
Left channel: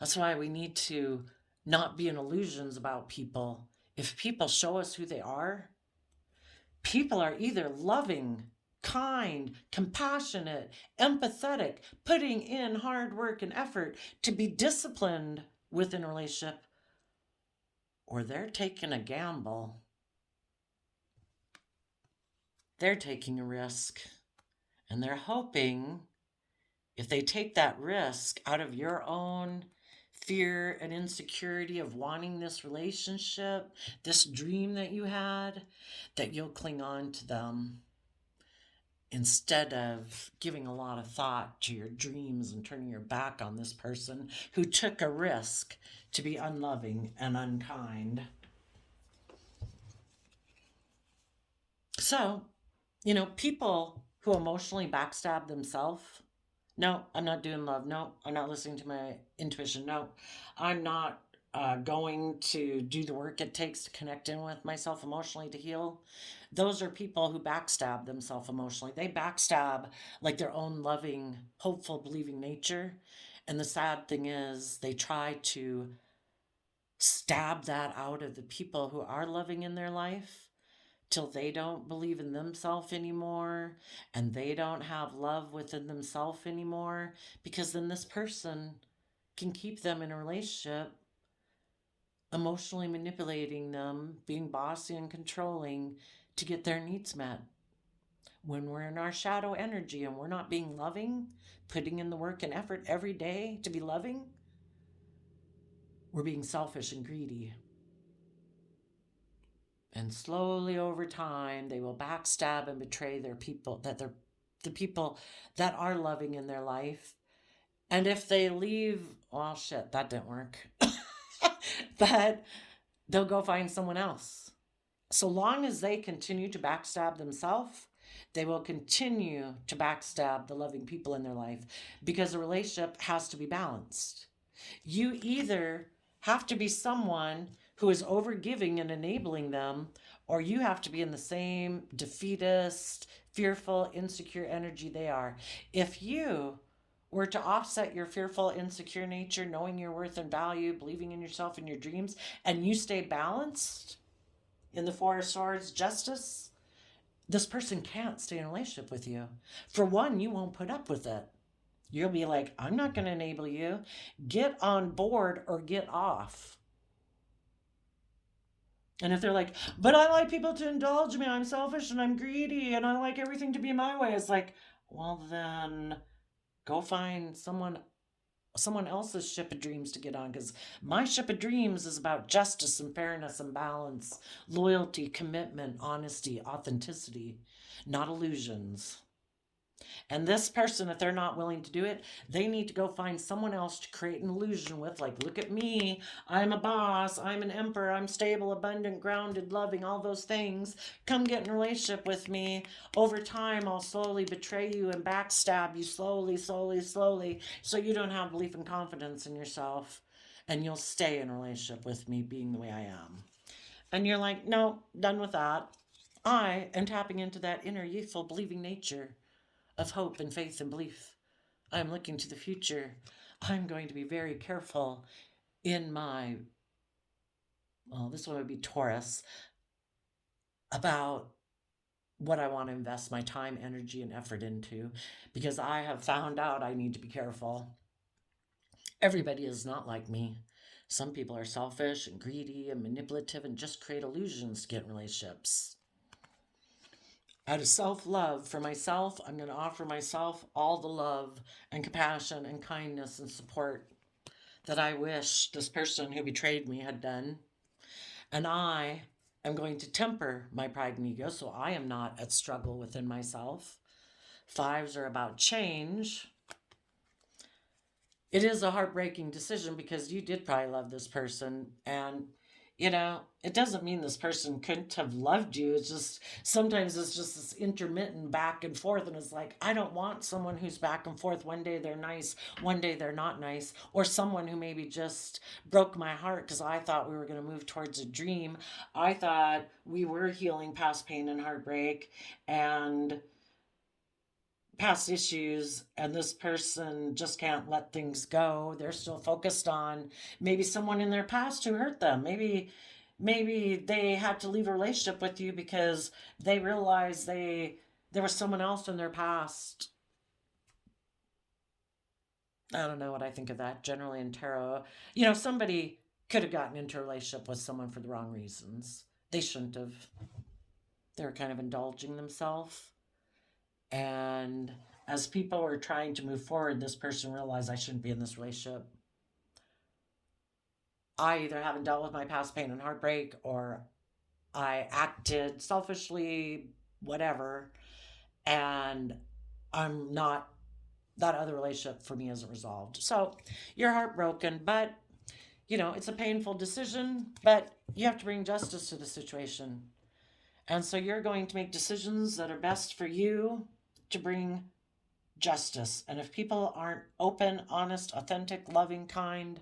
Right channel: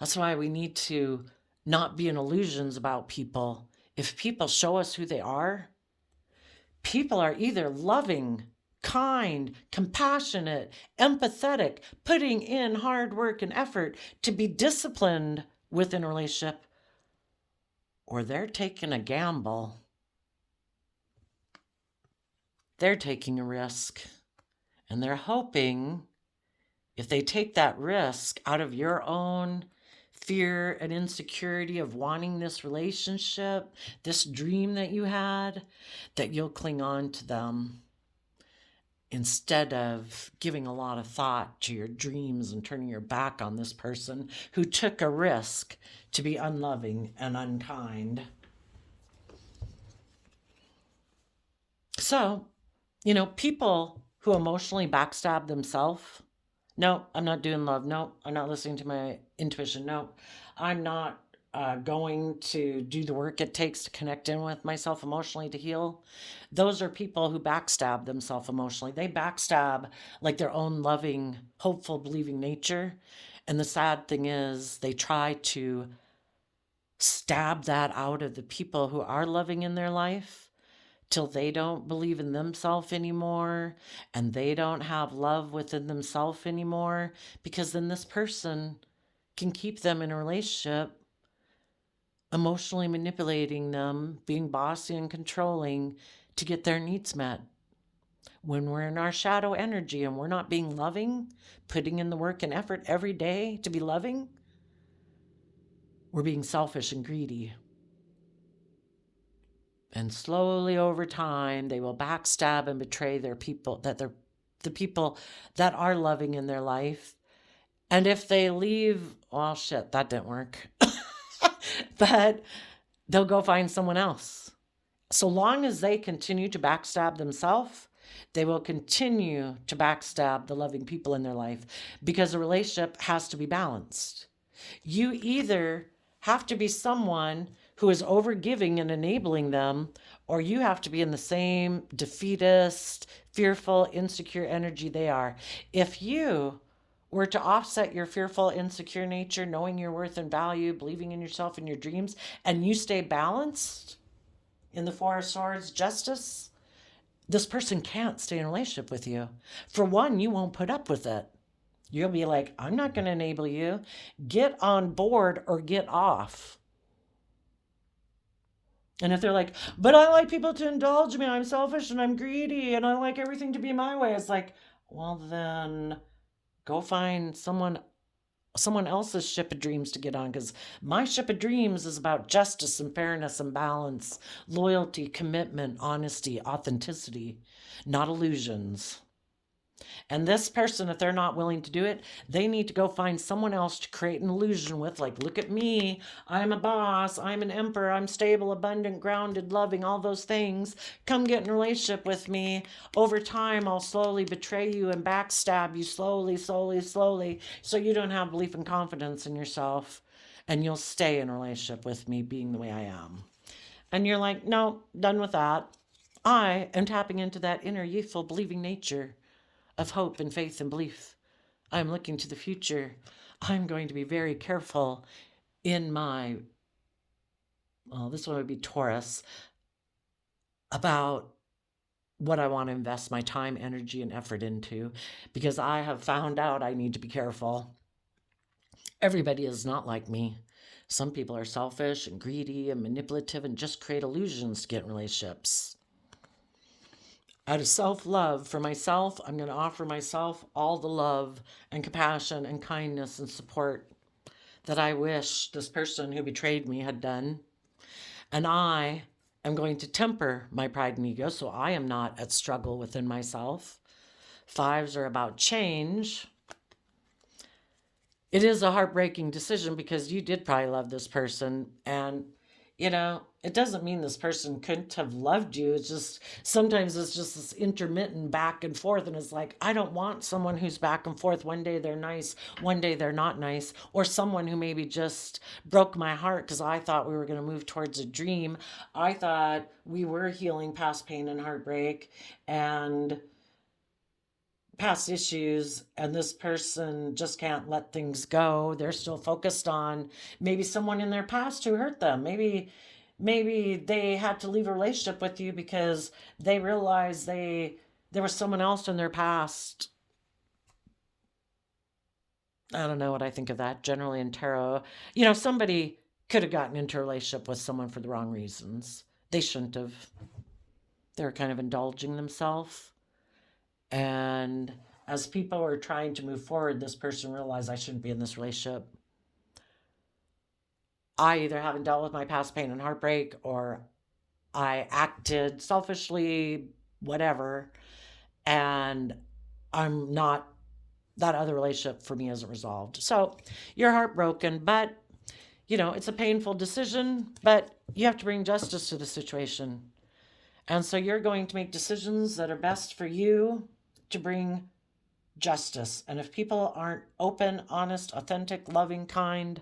That's why we need to not be in illusions about people. If people show us who they are, people are either loving, kind, compassionate, empathetic, putting in hard work and effort to be disciplined within a relationship, or they're taking a gamble. They're taking a risk, and they're hoping if they take that risk out of your own fear and insecurity of wanting this relationship, this dream that you had, that you'll cling on to them instead of giving a lot of thought to your dreams and turning your back on this person who took a risk to be unloving and unkind. So, people who emotionally backstab themselves, no, I'm not doing love. No, I'm not listening to my intuition. No, I'm not going to do the work it takes to connect in with myself emotionally to heal. Those are people who backstab themselves emotionally. They backstab like their own loving, hopeful, believing nature. And the sad thing is, they try to stab that out of the people who are loving in their life till they don't believe in themselves anymore and they don't have love within themselves anymore, because then this person can keep them in a relationship, emotionally manipulating them, being bossy and controlling to get their needs met. When we're in our shadow energy and we're not being loving, putting in the work and effort every day to be loving, we're being selfish and greedy. And slowly over time, they will backstab and betray their people, the people that are loving in their life. And if they leave, well, shit, that didn't work. But they'll go find someone else. So long as they continue to backstab themselves, they will continue to backstab the loving people in their life, because a relationship has to be balanced. You either have to be someone who is overgiving and enabling them, or you have to be in the same defeatist, fearful, insecure energy they are. If you were to offset your fearful, insecure nature, knowing your worth and value, believing in yourself and your dreams, and you stay balanced in the Four of Swords, justice, this person can't stay in a relationship with you. For one, you won't put up with it. You'll be like, I'm not going to enable you. Get on board or get off. And if they're like, but I like people to indulge me, I'm selfish and I'm greedy and I like everything to be my way, it's like, well, then go find someone else's ship of dreams to get on, because my ship of dreams is about justice and fairness and balance, loyalty, commitment, honesty, authenticity, not illusions. And this person, if they're not willing to do it, they need to go find someone else to create an illusion with, like, look at me, I'm a boss, I'm an emperor, I'm stable, abundant, grounded, loving, all those things. Come get in a relationship with me. Over time, I'll slowly betray you and backstab you slowly, slowly, slowly, so you don't have belief and confidence in yourself, and you'll stay in a relationship with me being the way I am. And you're like, no, done with that. I am tapping into that inner youthful believing nature of hope and faith and belief. I'm looking to the future. I'm going to be very careful in my, well, this one would be Taurus, about what I want to invest my time, energy, and effort into, because I have found out I need to be careful. Everybody is not like me. Some people are selfish and greedy and manipulative and just create illusions to get in relationships. Out of self-love for myself, I'm going to offer myself all the love and compassion and kindness and support that I wish this person who betrayed me had done. And I am going to temper my pride and ego so I am not at struggle within myself. Fives are about change. it is a heartbreaking decision because you did probably love this person. And, it doesn't mean this person couldn't have loved you. It's just sometimes it's just this intermittent back and forth. And it's like, I don't want someone who's back and forth. One day they're nice, one day they're not nice, or someone who maybe just broke my heart because I thought we were going to move towards a dream. I thought we were healing past pain and heartbreak and past issues, and this person just can't let things go. They're still focused on maybe someone in their past who hurt them. Maybe they had to leave a relationship with you because they realized there was someone else in their past. I don't know what I think of that. Generally in tarot, somebody could have gotten into a relationship with someone for the wrong reasons. They shouldn't have. They were kind of indulging themselves. And as people were trying to move forward, this person realized I shouldn't be in this relationship. I either haven't dealt with my past pain and heartbreak, or I acted selfishly, whatever, and I'm not, that other relationship for me isn't resolved. So you're heartbroken, but it's a painful decision, but you have to bring justice to the situation. And so you're going to make decisions that are best for you to bring justice. And if people aren't open, honest, authentic, loving, kind,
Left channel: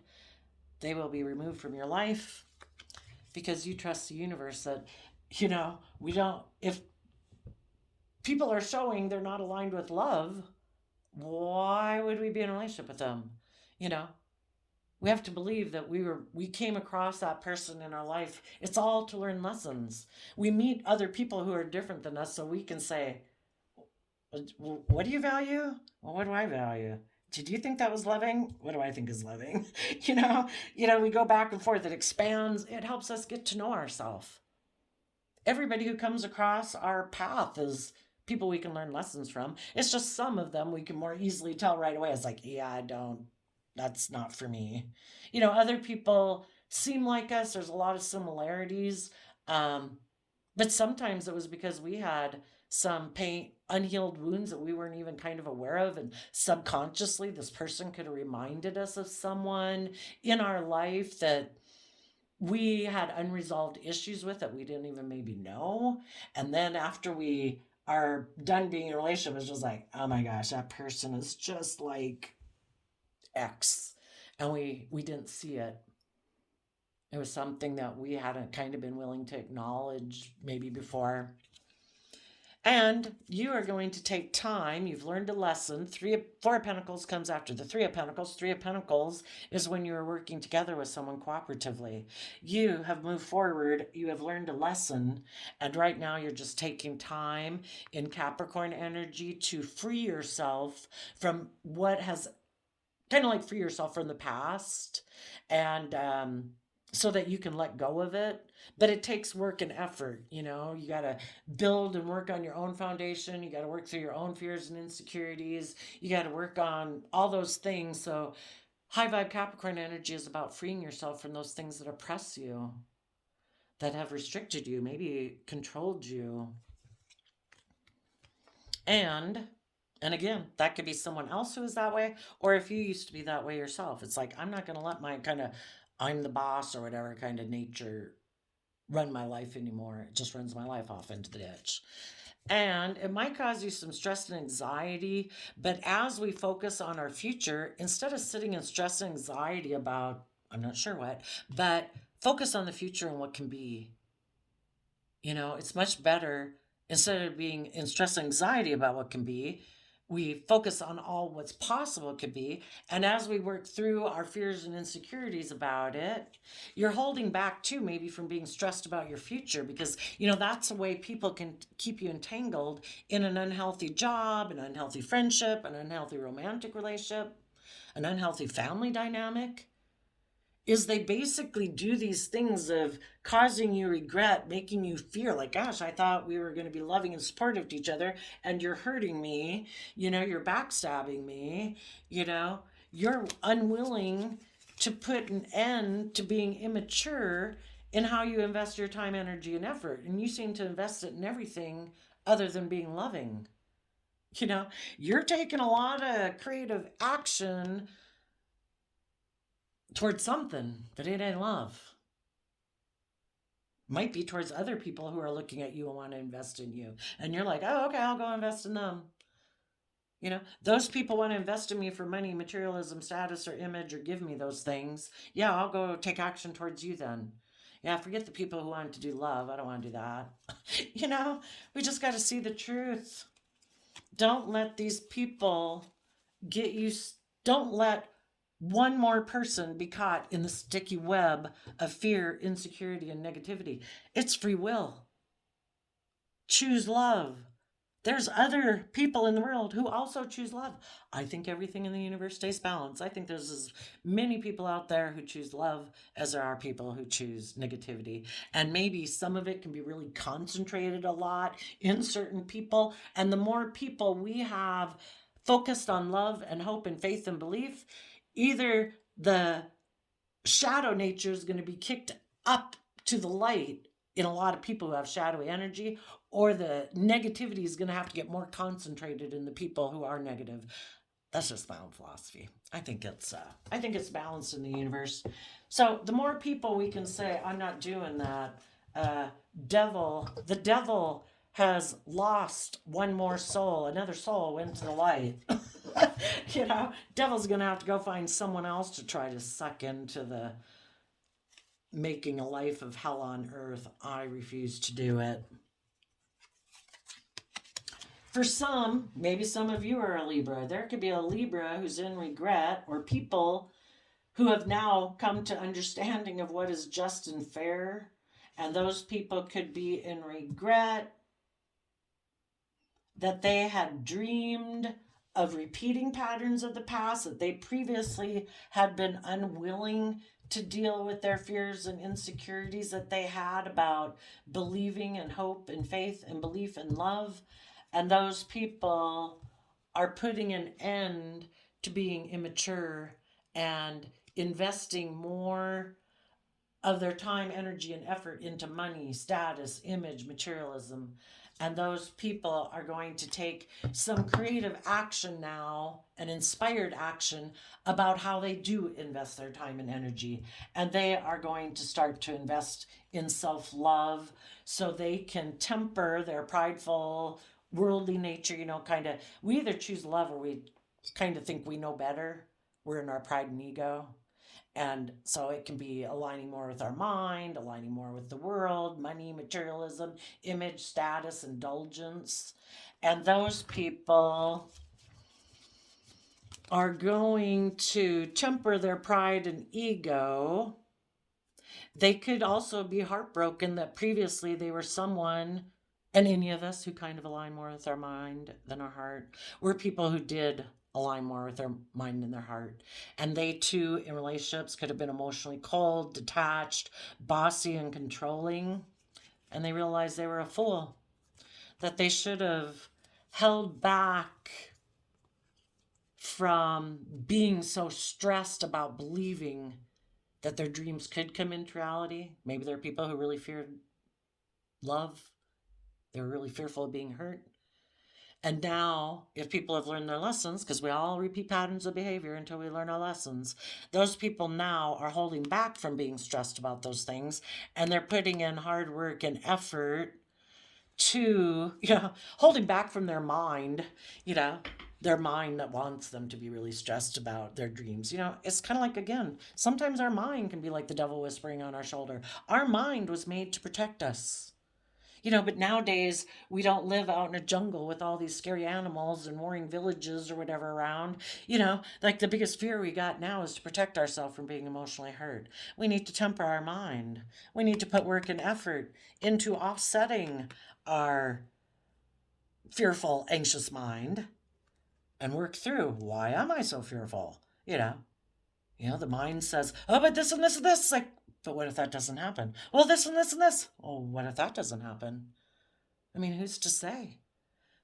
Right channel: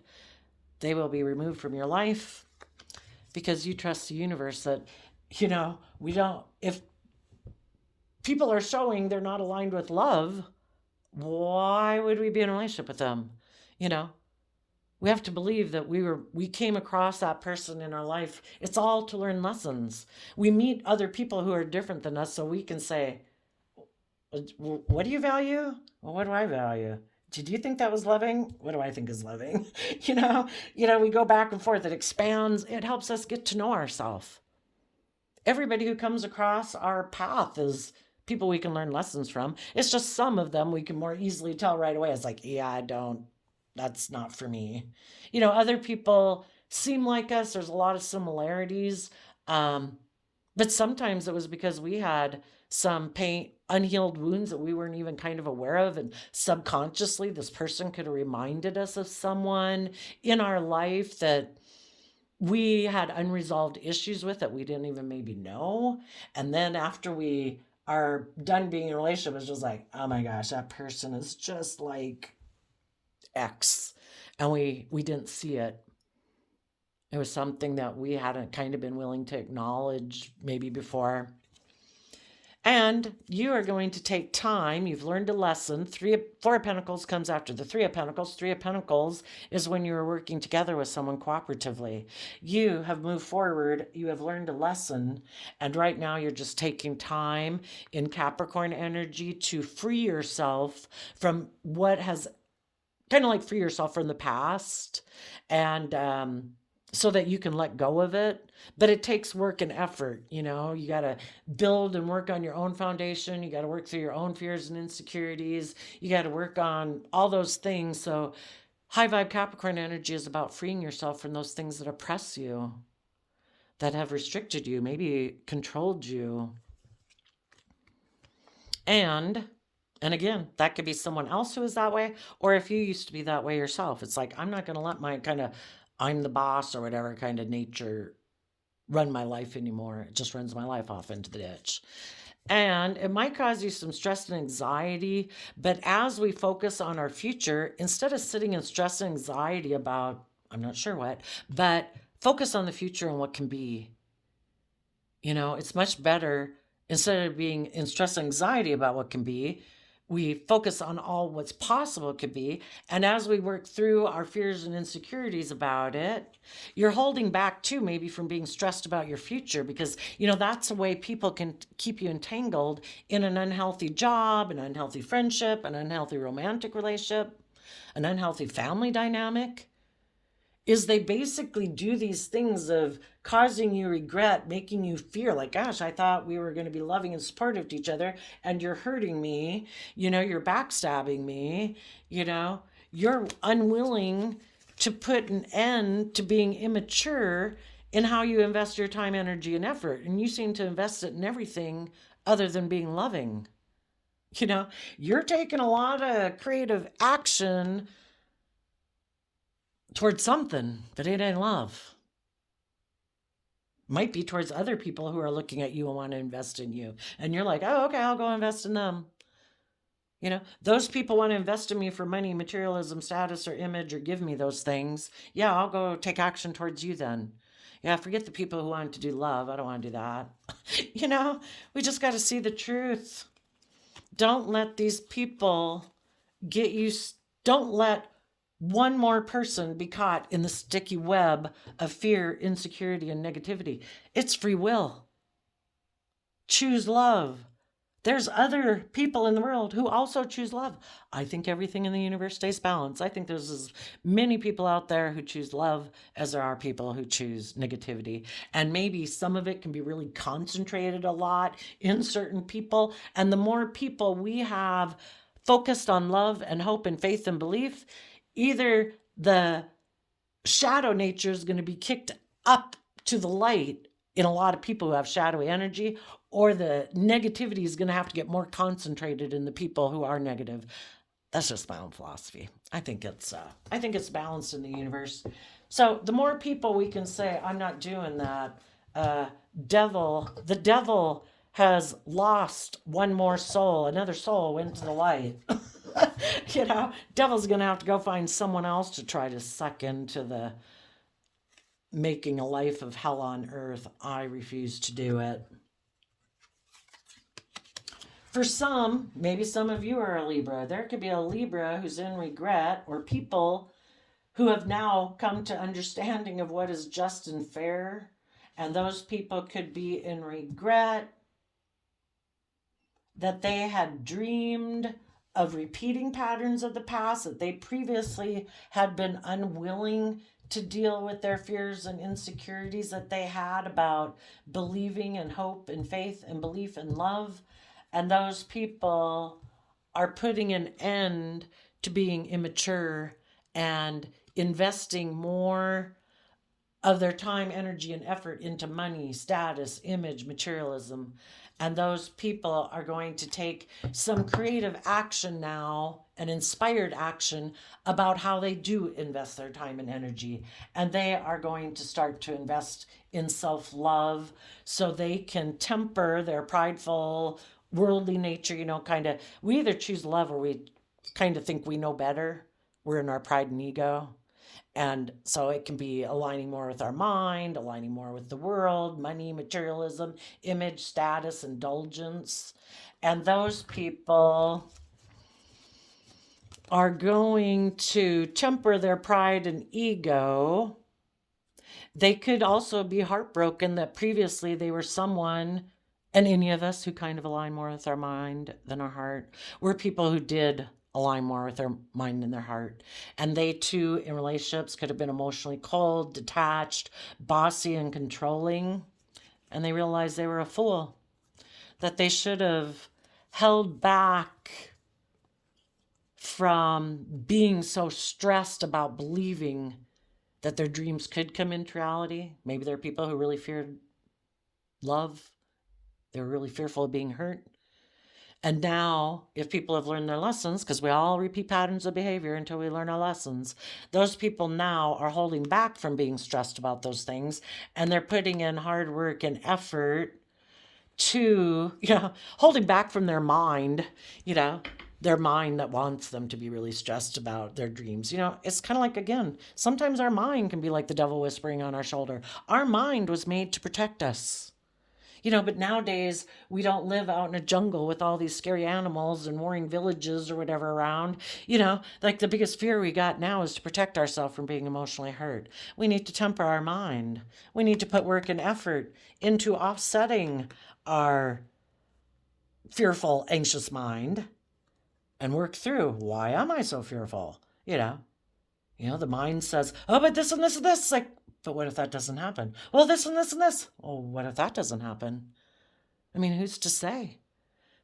they will be removed from your life because you trust the universe that, we don't, if people are showing they're not aligned with love, why would we be in a relationship with them? We have to believe that we came across that person in our life. It's all to learn lessons. We meet other people who are different than us so we can say, what do you value? Well, what do I value? Did you think that was loving? What do I think is loving? We go back and forth. It expands. It helps us get to know ourselves. Everybody who comes across our path is people we can learn lessons from. It's just some of them we can more easily tell right away. It's like, yeah, that's not for me. Other people seem like us. There's a lot of similarities. But sometimes it was because we had some pain, unhealed wounds that we weren't even kind of aware of. And subconsciously, this person could have reminded us of someone in our life that we had unresolved issues with that we didn't even maybe know. And then after we are done being in a relationship, it's just like, oh my gosh, that person is just like X. And we didn't see it. It was something that we hadn't kind of been willing to acknowledge maybe before. And you are going to take time. You've learned a lesson. Four of Pentacles comes after the Three of Pentacles. Three of Pentacles is when you are working together with someone cooperatively. You have moved forward. You have learned a lesson. And right now you're just taking time in Capricorn energy to free yourself from what has kind of like free yourself from the past, and so that you can let go of it. But it takes work and effort. You got to build and work on your own foundation. You got to work through your own fears and insecurities. You got to work on all those things. So high vibe Capricorn energy is about freeing yourself from those things that oppress you, that have restricted you, maybe controlled you. And again, that could be someone else who is that way, or if you used to be that way yourself. It's like, I'm not going to let my kind of I'm the boss or whatever kind of nature run my life anymore. It just runs my life off into the ditch. And it might cause you some stress and anxiety, but as we focus on our future, instead of sitting in stress and anxiety about, I'm not sure what, but focus on the future and what can be. It's much better, instead of being in stress and anxiety about what can be, we focus on all what's possible could be. And as we work through our fears and insecurities about it, you're holding back too, maybe from being stressed about your future, because, that's a way people can keep you entangled in an unhealthy job, an unhealthy friendship, an unhealthy romantic relationship, an unhealthy family dynamic. Is they basically do these things of causing you regret, making you fear, like, gosh, I thought we were going to be loving and supportive to each other, and you're hurting me, you're backstabbing me, you're unwilling to put an end to being immature in how you invest your time, energy, and effort. And you seem to invest it in everything other than being loving. You're taking a lot of creative action towards something, but it ain't love. Might be towards other people who are looking at you and want to invest in you. And you're like, oh, okay, I'll go invest in them. Those people want to invest in me for money, materialism, status, or image, or give me those things. Yeah, I'll go take action towards you then. Yeah, forget the people who want to do love. I don't want to do that. We just got to see the truth. Don't let these people get you, don't let one more person be caught in the sticky web of fear, insecurity, and negativity. It's free will. Choose love. There's other people in the world who also choose love. I think everything in the universe stays balanced. I think there's as many people out there who choose love as there are people who choose negativity. And maybe some of it can be really concentrated a lot in certain people. And the more people we have focused on love and hope and faith and belief, either the shadow nature is going to be kicked up to the light in a lot of people who have shadowy energy, or the negativity is going to have to get more concentrated in the people who are negative. That's just my own philosophy. I think it's balanced in the universe. So the more people we can say, I'm not doing that, the devil has lost one more soul. Another soul went to the light. Devil's gonna have to go find someone else to try to suck into the making a life of hell on earth. I refuse to do it. For some, maybe some of you are a Libra. There could be a Libra who's in regret, or people who have now come to understanding of what is just and fair. And those people could be in regret that they had dreamed of repeating patterns of the past, that they previously had been unwilling to deal with their fears and insecurities that they had about believing in hope and faith and belief and love. And those people are putting an end to being immature and investing more of their time, energy, and effort into money, status, image, materialism. And those people are going to take some creative action now, an inspired action about how they do invest their time and energy. And they are going to start to invest in self love so they can temper their prideful, worldly nature, we either choose love or we kind of think we know better. We're in our pride and ego. And so it can be aligning more with our mind, aligning more with the world, money, materialism, image, status, indulgence. And those people are going to temper their pride and ego. They could also be heartbroken that previously they were someone, and any of us who kind of align more with our mind than our heart, we're people who did align more with their mind and their heart. And they too, in relationships, could have been emotionally cold, detached, bossy, and controlling. And they realized they were a fool, that they should have held back from being so stressed about believing that their dreams could come into reality. Maybe there are people who really feared love. They're really fearful of being hurt. And now, if people have learned their lessons, because we all repeat patterns of behavior until we learn our lessons, those people now are holding back from being stressed about those things, and they're putting in hard work and effort to, holding back from their mind, their mind that wants them to be really stressed about their dreams. It's kind of like, again, sometimes our mind can be like the devil whispering on our shoulder. Our mind was made to protect us. But nowadays we don't live out in a jungle with all these scary animals and warring villages or whatever around. Like the biggest fear we got now is to protect ourselves from being emotionally hurt. We need to temper our mind. We need to put work and effort into offsetting our fearful, anxious mind and work through, why am I so fearful? The mind says, oh, but this and this and this. It's like, but what if that doesn't happen? Well, this and this and this. Oh, what if that doesn't happen? I mean, who's to say?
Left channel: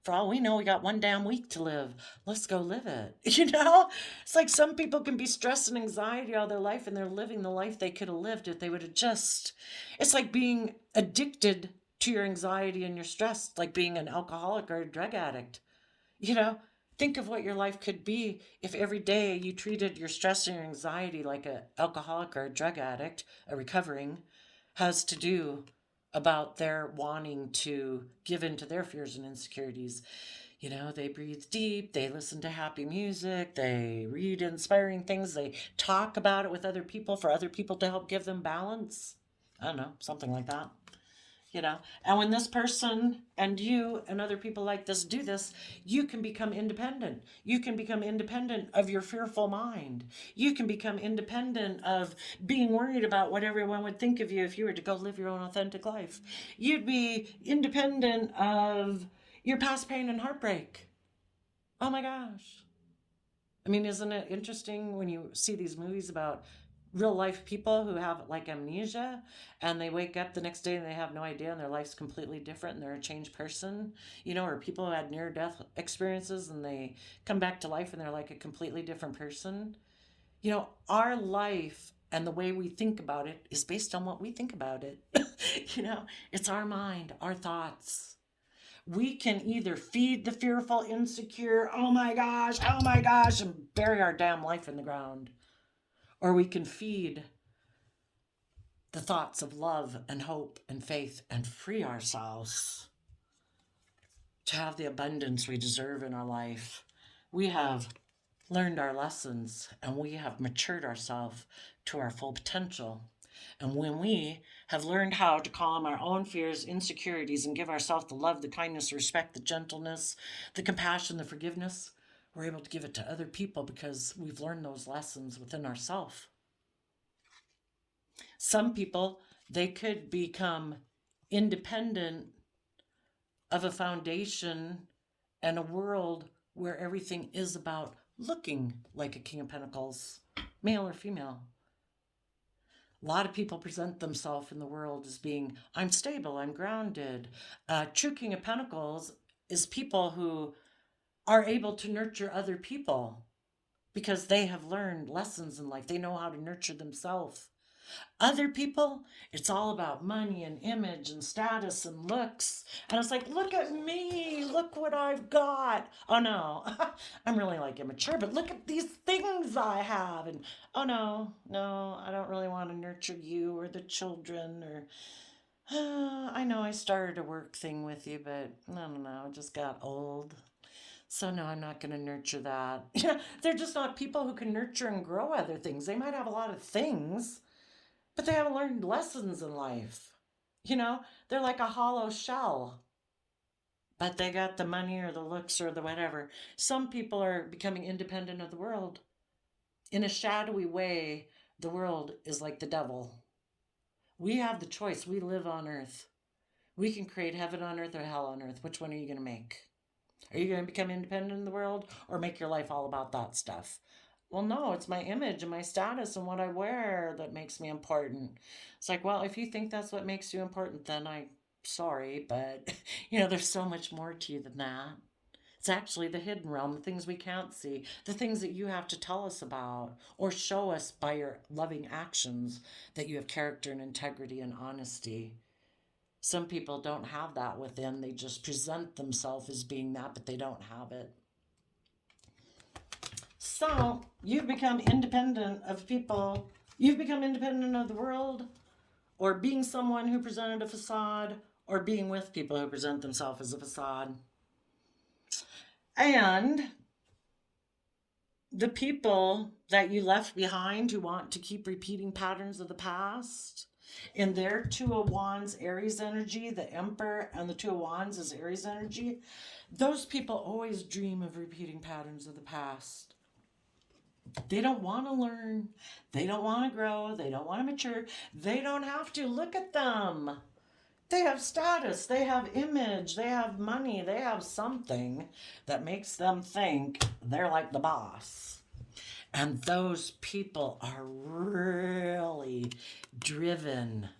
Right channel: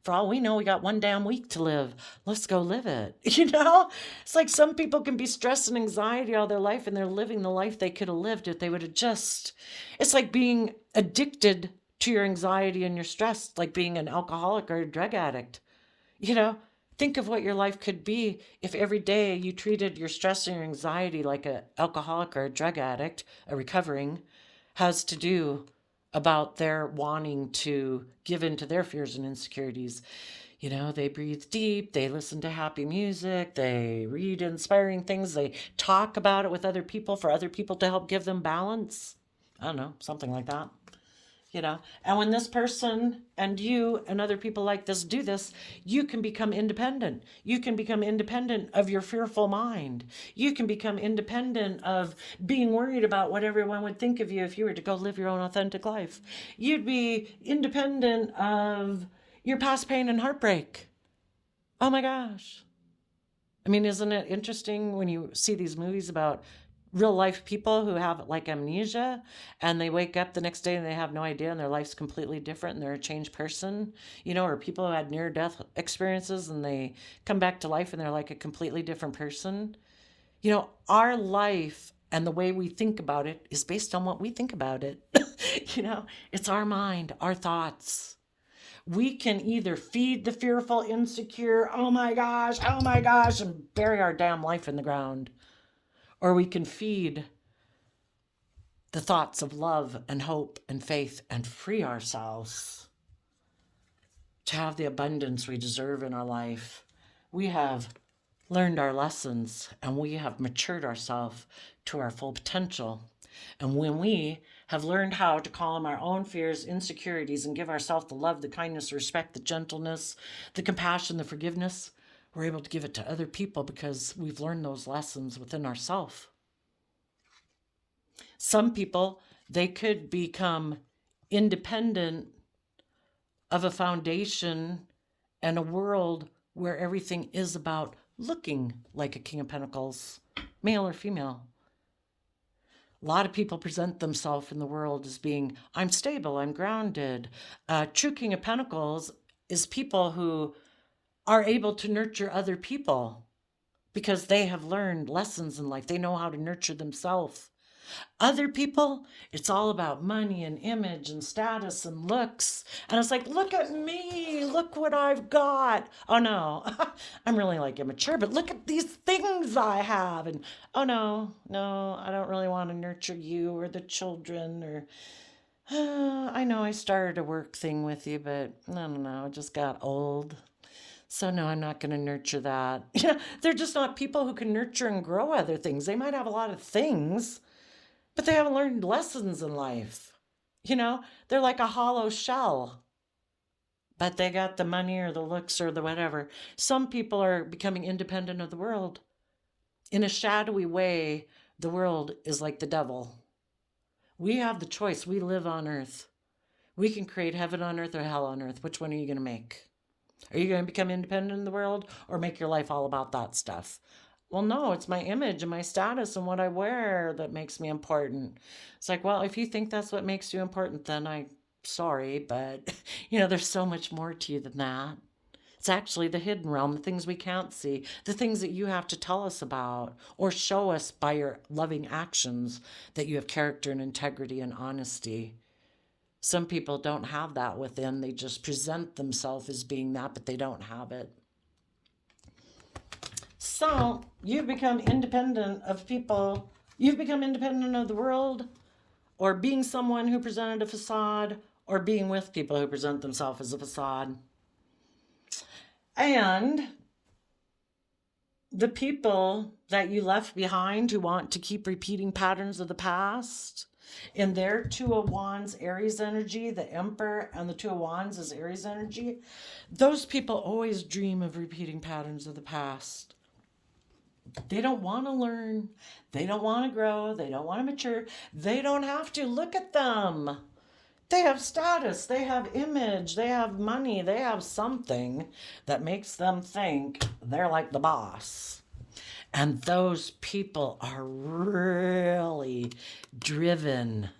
For all we know, we got one damn week to live. Let's go live it. It's like some people can be stressed and anxiety all their life, and they're living the life they could have lived if they would have just. It's like being addicted to your anxiety and your stress, like being an alcoholic or a drug addict. Think of what your life could be if every day you treated your stress and your anxiety like an alcoholic or a drug addict, a recovering, has to do about their wanting to give in to their fears and insecurities. You know, they breathe deep, they listen to happy music, they read inspiring things, they talk about it with other people for other people to help give them balance. I don't know, something like that. You know, and when this person and you and other people like this do this, you can become independent. You can become independent of your fearful mind. You can become independent of being worried about what everyone would think of you if you were to go live your own authentic life. You'd be independent of your past pain and heartbreak. Oh my gosh. I mean, isn't it interesting when you see these movies about real life people who have like amnesia and they wake up the next day and they have no idea and their life's completely different and they're a changed person, you know, or people who had near death experiences and they come back to life and they're like a completely different person. You know, our life and the way we think about it is based on what we think about it. You know, it's our mind, our thoughts. We can either feed the fearful, insecure, oh my gosh, and bury our damn life in the ground. Or we can feed the thoughts of love and hope and faith and free ourselves to have the abundance we deserve in our life. We have learned our lessons and we have matured ourselves to our full potential. And when we have learned how to calm our own fears, insecurities, and give ourselves the love, the kindness, the respect, the gentleness, the compassion, the forgiveness, we're able to give it to other people because we've learned those lessons within ourselves. Some people, they could become independent of a foundation and a world where everything is about looking like a King of Pentacles, male or female. A lot of people present themselves in the world as being, I'm stable, I'm grounded. True King of Pentacles is people who are able to nurture other people because they have learned lessons in life. They know how to nurture themselves. Other people, it's all about money and image and status and looks. And it's like, look at me, look what I've got. Oh no, I'm really like immature, but look at these things I have. And oh no, I don't really want to nurture you or the children or. I know I started a work thing with you, but no, I just got old. So no, I'm not going to nurture that. You know, they're just not people who can nurture and grow other things. They might have a lot of things, but they haven't learned lessons in life. You know, they're like a hollow shell, but they got the money or the looks or the whatever. Some people are becoming independent of the world. In a shadowy way, the world is like the devil. We have the choice. We live on earth. We can create heaven on earth or hell on earth. Which one are you going to make? Are you going to become independent in the world or make your life all about that stuff? Well, no, it's my image and my status and what I wear that makes me important. It's like, well, if you think that's what makes you important, then I'm sorry, but you know, there's so much more to you than that. It's actually the hidden realm, the things we can't see, the things that you have to tell us about or show us by your loving actions that you have character and integrity and honesty. Some people don't have that within. They just present themselves as being that, but they don't have it. So you've become independent of people. You've become independent of the world, or being someone who presented a facade, or being with people who present themselves as a facade. And the people that you left behind who want to keep repeating patterns of the past, in their Two of Wands Aries energy, the Emperor and the Two of Wands is Aries energy, those people always dream of repeating patterns of the past. They don't want to learn. They don't want to grow. They don't want to mature. They don't have to. Look at them. They have status. They have image. They have money. They have something that makes them think they're like the boss. And those people are really driven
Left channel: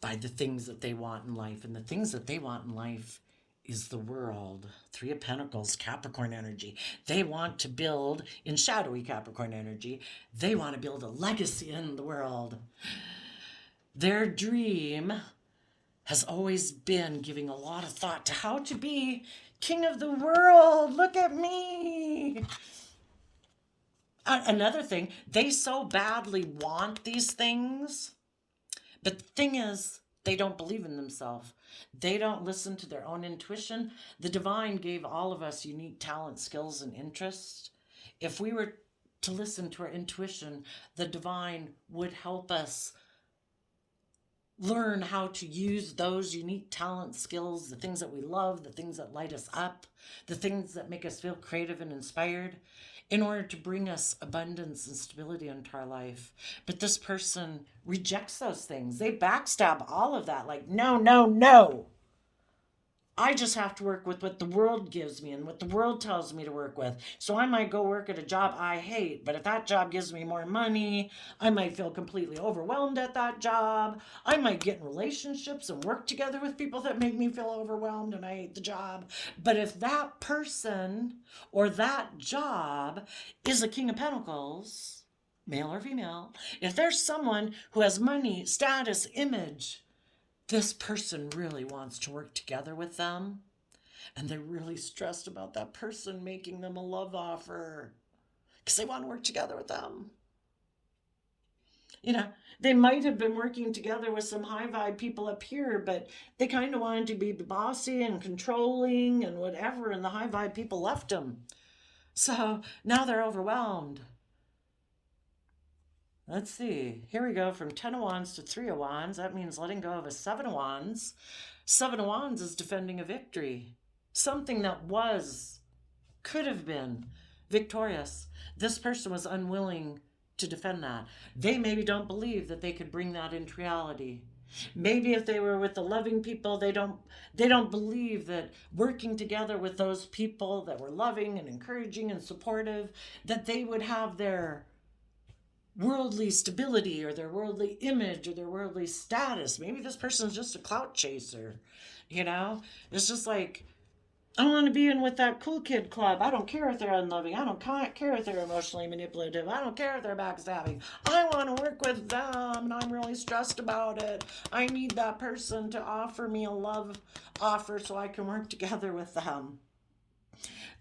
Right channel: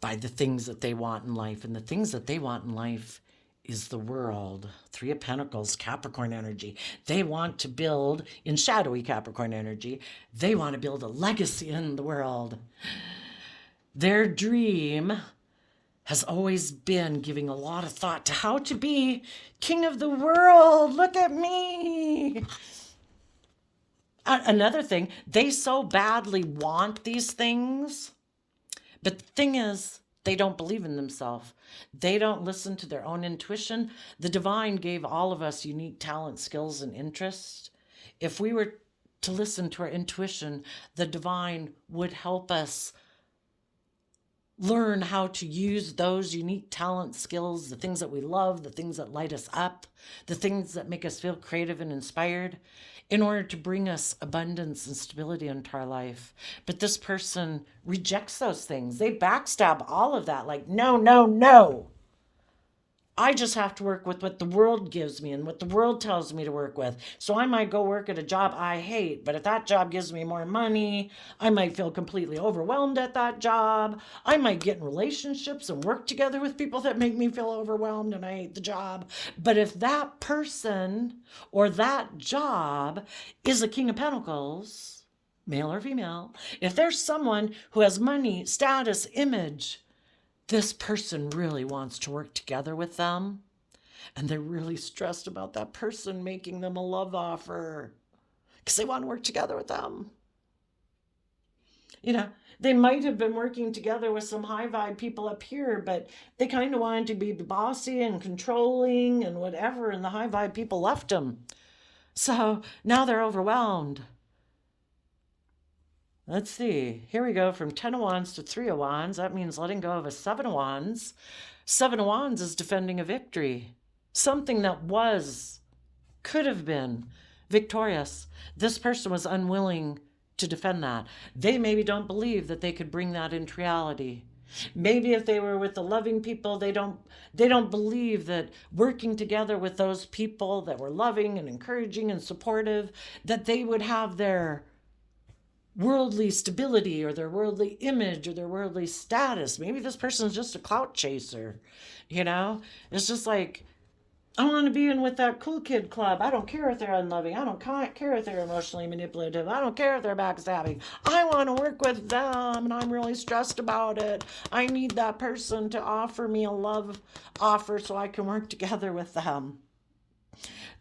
by the things that they want in life. And the things that they want in life is the world. Three of Pentacles, Capricorn energy. They want to build, in shadowy Capricorn energy, they want to build a legacy in the world. Their dream has always been giving a lot of thought to how to be king of the world. Look at me. Another thing, they so badly want these things, but the thing is, they don't believe in themselves. They don't listen to their own intuition. The divine gave all of us unique talents, skills, and interests. If we were to listen to our intuition, the divine would help us learn how to use those unique talents, skills, the things that we love, the things that light us up, the things that make us feel creative and inspired, in order to bring us abundance and stability into our life. But this person rejects those things. They backstab all of that, like, no, no, no. I just have to work with what the world gives me and what the world tells me to work with. So I might go work at a job I hate, but if that job gives me more money, I might feel completely overwhelmed at that job. I might get in relationships and work together with people that make me feel overwhelmed and I hate the job. But if that person or that job is a King of Pentacles, male or female, if there's someone who has money, status, image, this person really wants to work together with them, and they're really stressed about that person making them a love offer because they want to work together with them. You know, they might have been working together with some high vibe people up here, but they kind of wanted to be bossy and controlling and whatever, and the high vibe people left them. So now they're overwhelmed. Let's see. Here we go from 10 of Wands to 3 of Wands. That means letting go of a 7 of Wands. 7 of Wands is defending a victory. Something that could have been victorious. This person was unwilling to defend that. They maybe don't believe that they could bring that into reality. Maybe if they were with the loving people, they don't believe that working together with those people that were loving and encouraging and supportive, that they would have their worldly stability or their worldly image or their worldly status. Maybe this person's just a clout chaser. It's just like, I want to be in with that cool kid club. I don't care if they're unloving. I don't care if they're emotionally manipulative. I don't care if they're backstabbing. I want to work with them and I'm really stressed about it. I need that person to offer me a love offer so I can work together with them.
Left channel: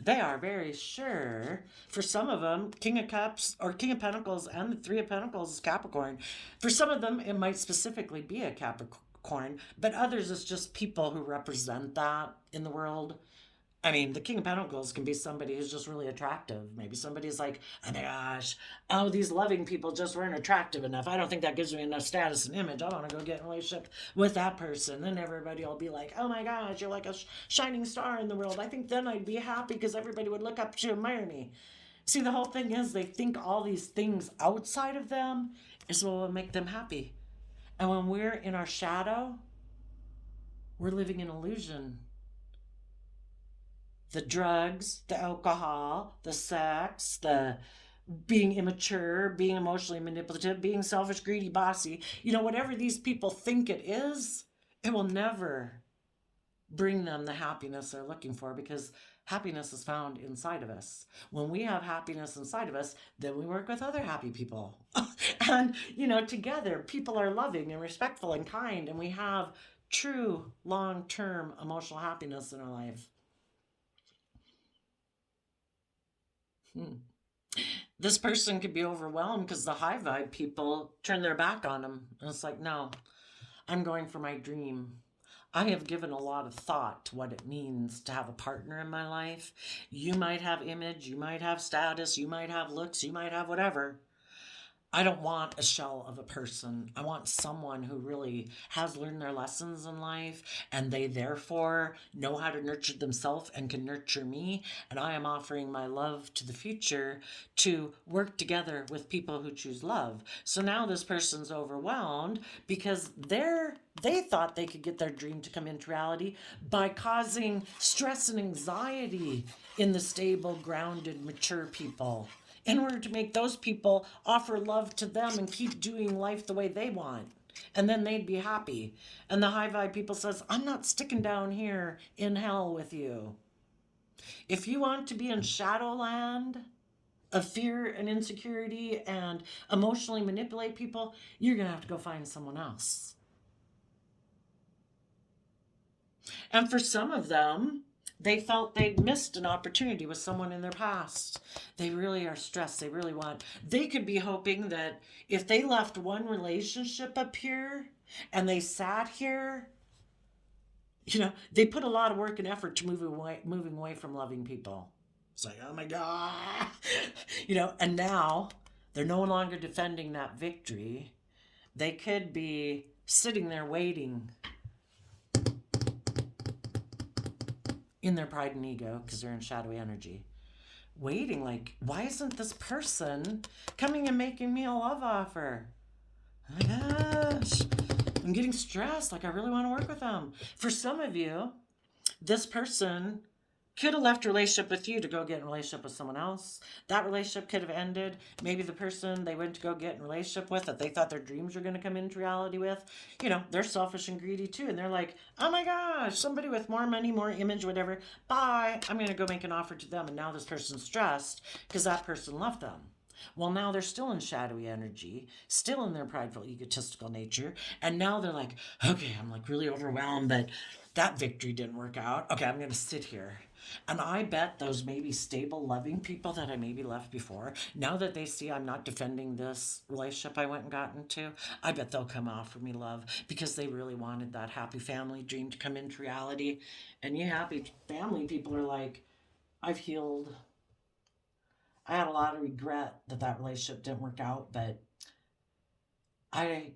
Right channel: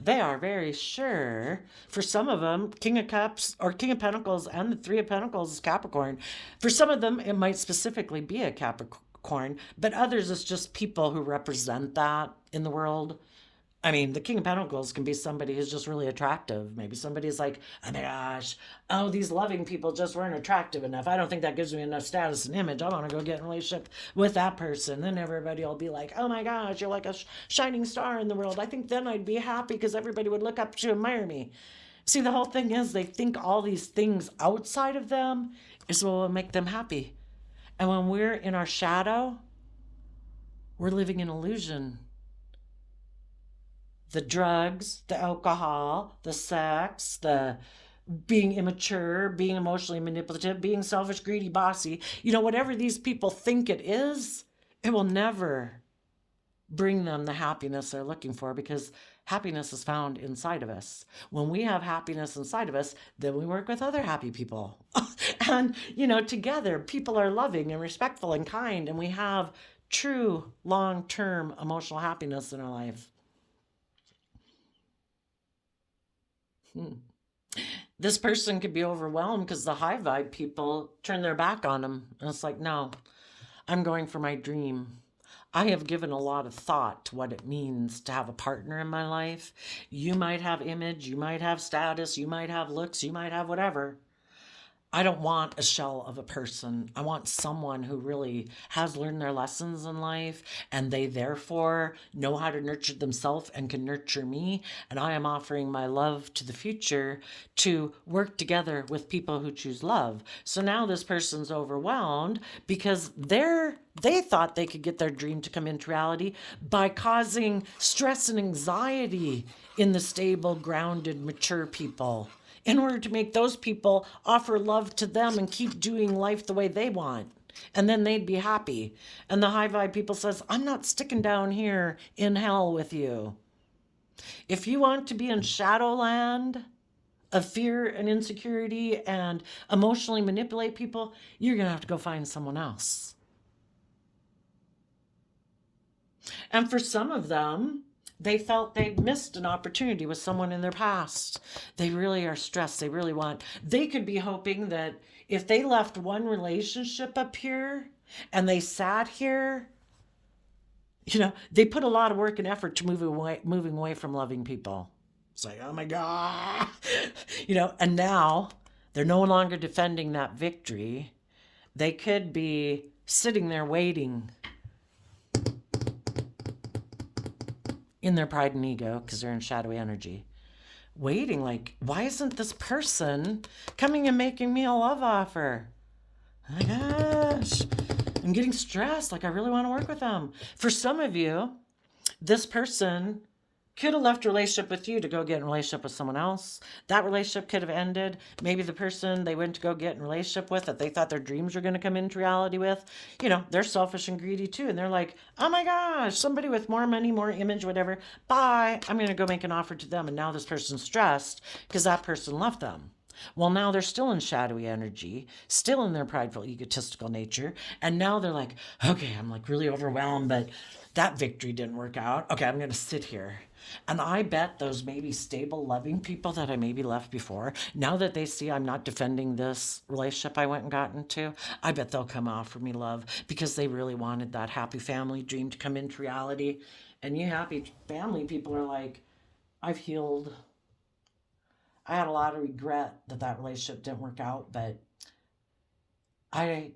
They are very sure. For some of them, King of Cups or King of Pentacles and the Three of Pentacles is Capricorn. For some of them, it might specifically be a Capricorn, but others it's just people who represent that in the world. I mean, the King of Pentacles can be somebody who's just really attractive. Maybe somebody's like, oh my gosh, these loving people just weren't attractive enough. I don't think that gives me enough status and image. I want to go get in a relationship with that person. Then everybody will be like, oh my gosh, you're like a shining star in the world. I think then I'd be happy because everybody would look up to admire me. See, the whole thing is they think all these things outside of them is what will make them happy. And when we're in our shadow, we're living in illusion. The drugs, the alcohol, the sex, the being immature, being emotionally manipulative, being selfish, greedy, bossy, whatever these people think it is, it will never bring them the happiness they're looking for, because happiness is found inside of us. When we have happiness inside of us, then we work with other happy people. And, together, people are loving and respectful and kind, and we have true long-term emotional happiness in our life. This person could be overwhelmed because the high vibe people turn their back on them. And it's like, no, I'm going for my dream. I have given a lot of thought to what it means to have a partner in my life. You might have image, you might have status, you might have looks, you might have whatever. I don't want a shell of a person. I want someone who really has learned their lessons in life and they therefore know how to nurture themselves and can nurture me. And I am offering my love to the future to work together with people who choose love. So now this person's overwhelmed because they thought they could get their dream to come into reality by causing stress and anxiety in the stable, grounded, mature people, in order to make those people offer love to them and keep doing life the way they want. And then they'd be happy. And the high vibe people says, I'm not sticking down here in hell with you. If you want to be in shadowland of fear and insecurity and emotionally manipulate people, you're going to have to go find someone else. And for some of them, they felt they'd missed an opportunity with someone in their past. They really are stressed. They really want, they could be hoping that if they left one relationship up here and they sat here, they put a lot of work and effort to moving away from loving people. It's like, oh my God. And now they're no longer defending that victory. They could be sitting there waiting in their pride and ego because they're in shadowy energy. Waiting, like, why isn't this person coming and making me a love offer? Oh my gosh, I'm getting stressed. Like, I really want to work with them. For some of you, this person could have left a relationship with you to go get in a relationship with someone else. That relationship could have ended. Maybe the person they went to go get in a relationship with that they thought their dreams were going to come into reality with, they're selfish and greedy too. And they're like, oh my gosh, somebody with more money, more image, whatever. Bye. I'm going to go make an offer to them. And now this person's stressed because that person left them. Well, now they're still in shadowy energy, still in their prideful, egotistical nature. And now they're like, okay, I'm like really overwhelmed, but that victory didn't work out. Okay, I'm going to sit here. And I bet those maybe stable, loving people that I maybe left before, now that they see I'm not defending this relationship I went and got into, I bet they'll come offer me love because they really wanted that happy family dream to come into reality. And you happy family people are like, I've healed. I had a lot of regret that relationship didn't work out, but I,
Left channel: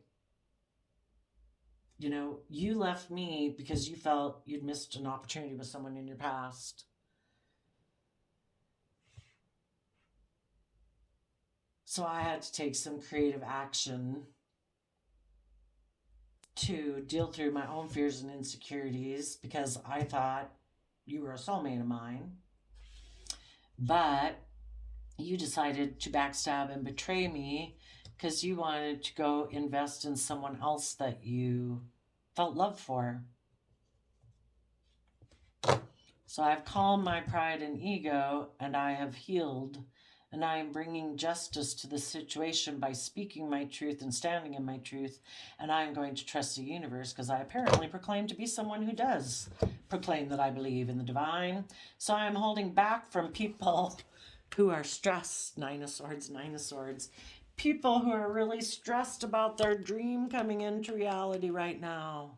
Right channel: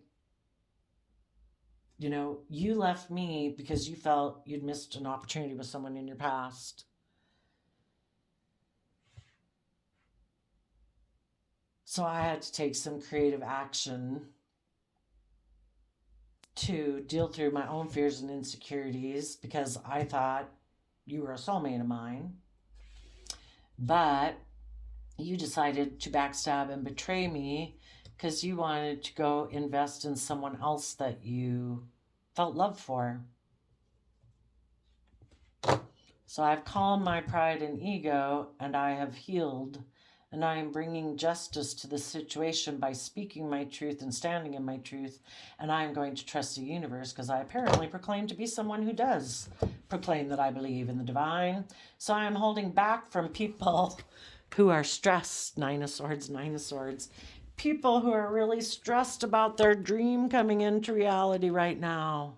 you left me because you felt you'd missed an opportunity with someone in your past. So I had to take some creative action to deal through my own fears and insecurities because I thought you were a soulmate of mine. But you decided to backstab and betray me because you wanted to go invest in someone else that you felt love for. So I've calmed my pride and ego, and I have healed, and I am bringing justice to the situation by speaking my truth and standing in my truth, and I am going to trust the universe because I apparently proclaim to be someone who does proclaim that I believe in the divine. So I'm holding back from people who are stressed. Nine of Swords, Nine of Swords. People who are really stressed about their dream coming into reality right now.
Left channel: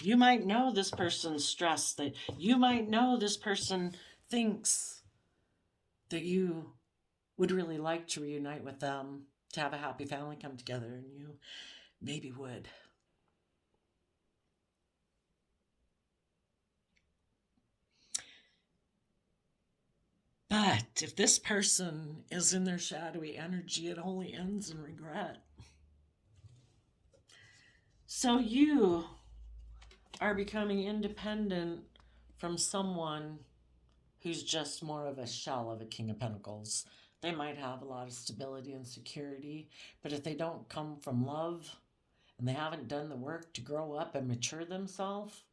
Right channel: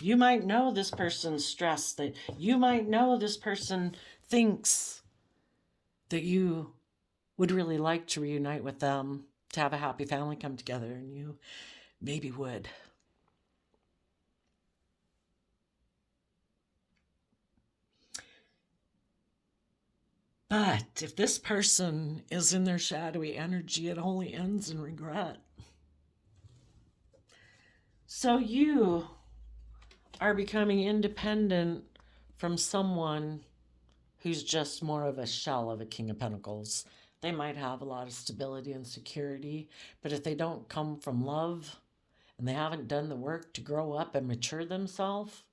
You might know this person's stressed, that you might know this person thinks that you would really like to reunite with them, to have a happy family come together, and you maybe would. But if this person is in their shadowy energy, it only ends in regret. So you are becoming independent from someone who's just more of a shell of a King of Pentacles. They might have a lot of stability and security, but if they don't come from love and they haven't done the work to grow up and mature themselves,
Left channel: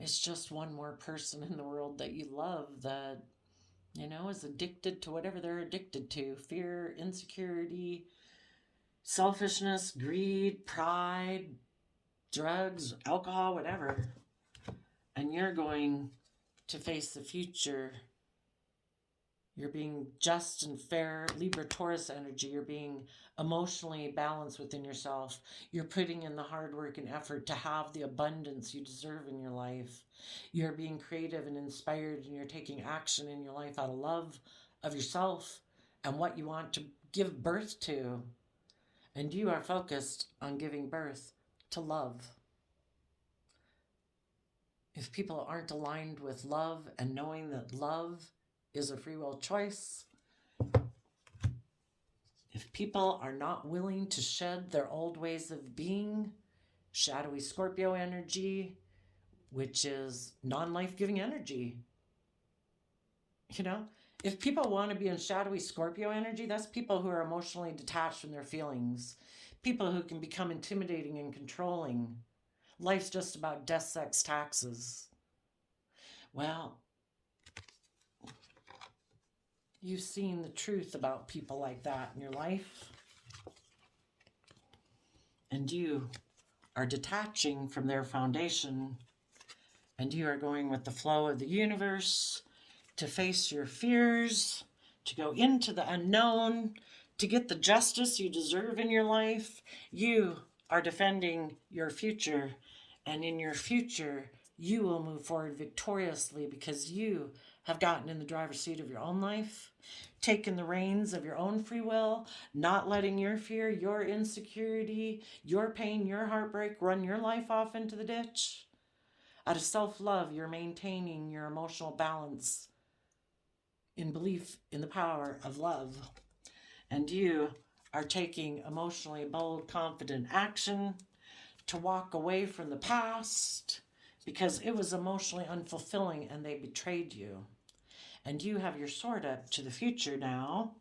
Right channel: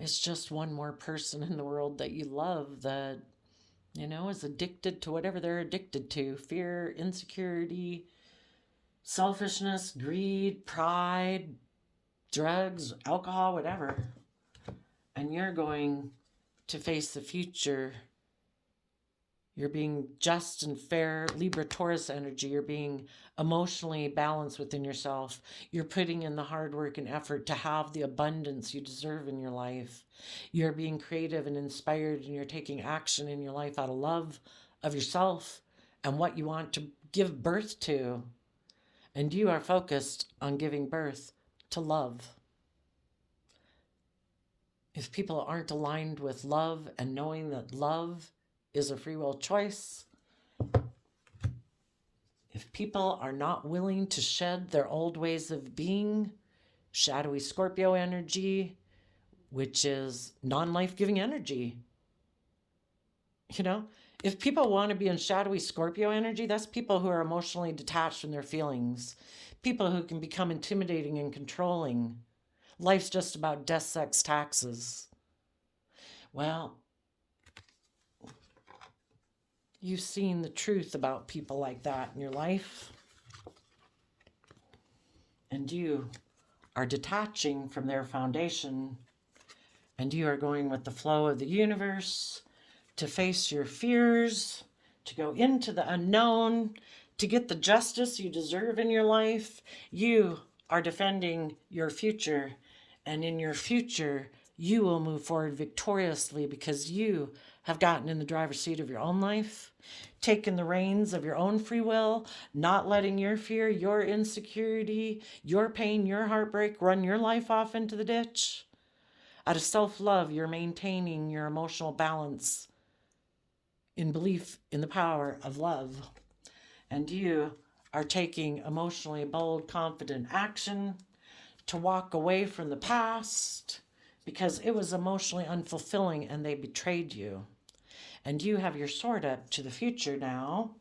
it's just one more person in the world that you love that, is addicted to whatever they're addicted to. Fear, insecurity, selfishness, greed, pride, drugs, alcohol, whatever. And you're going to face the future. You're being just and fair, Libra Taurus energy. You're being emotionally balanced within yourself. You're putting in the hard work and effort to have the abundance you deserve in your life. You're being creative and inspired, and you're taking action in your life out of love of yourself and what you want to give birth to. And you are focused on giving birth to love. If people aren't aligned with love and knowing that love is a free will choice, if people are not willing to shed their old ways of being, shadowy Scorpio energy, which is non-life-giving energy. If people want to be in shadowy Scorpio energy, that's people who are emotionally detached from their feelings, people who can become intimidating and controlling. Life's just about death, sex, taxes. Well, you've seen the truth about people like that in your life. And you are detaching from their foundation And you are going with the flow of the universe to face your fears, to go into the unknown, to get the justice you deserve in your life. You are defending your future, and in your future, you will move forward victoriously because you have gotten in the driver's seat of your own life, taken the reins of your own free will, not letting your fear, your insecurity, your pain, your heartbreak run your life off into the ditch. Out of self love, you're maintaining your emotional balance in belief in the power of love. And you are taking emotionally bold, confident action to walk away from the past because it was emotionally unfulfilling and they betrayed you. And you have your sword up to the future now,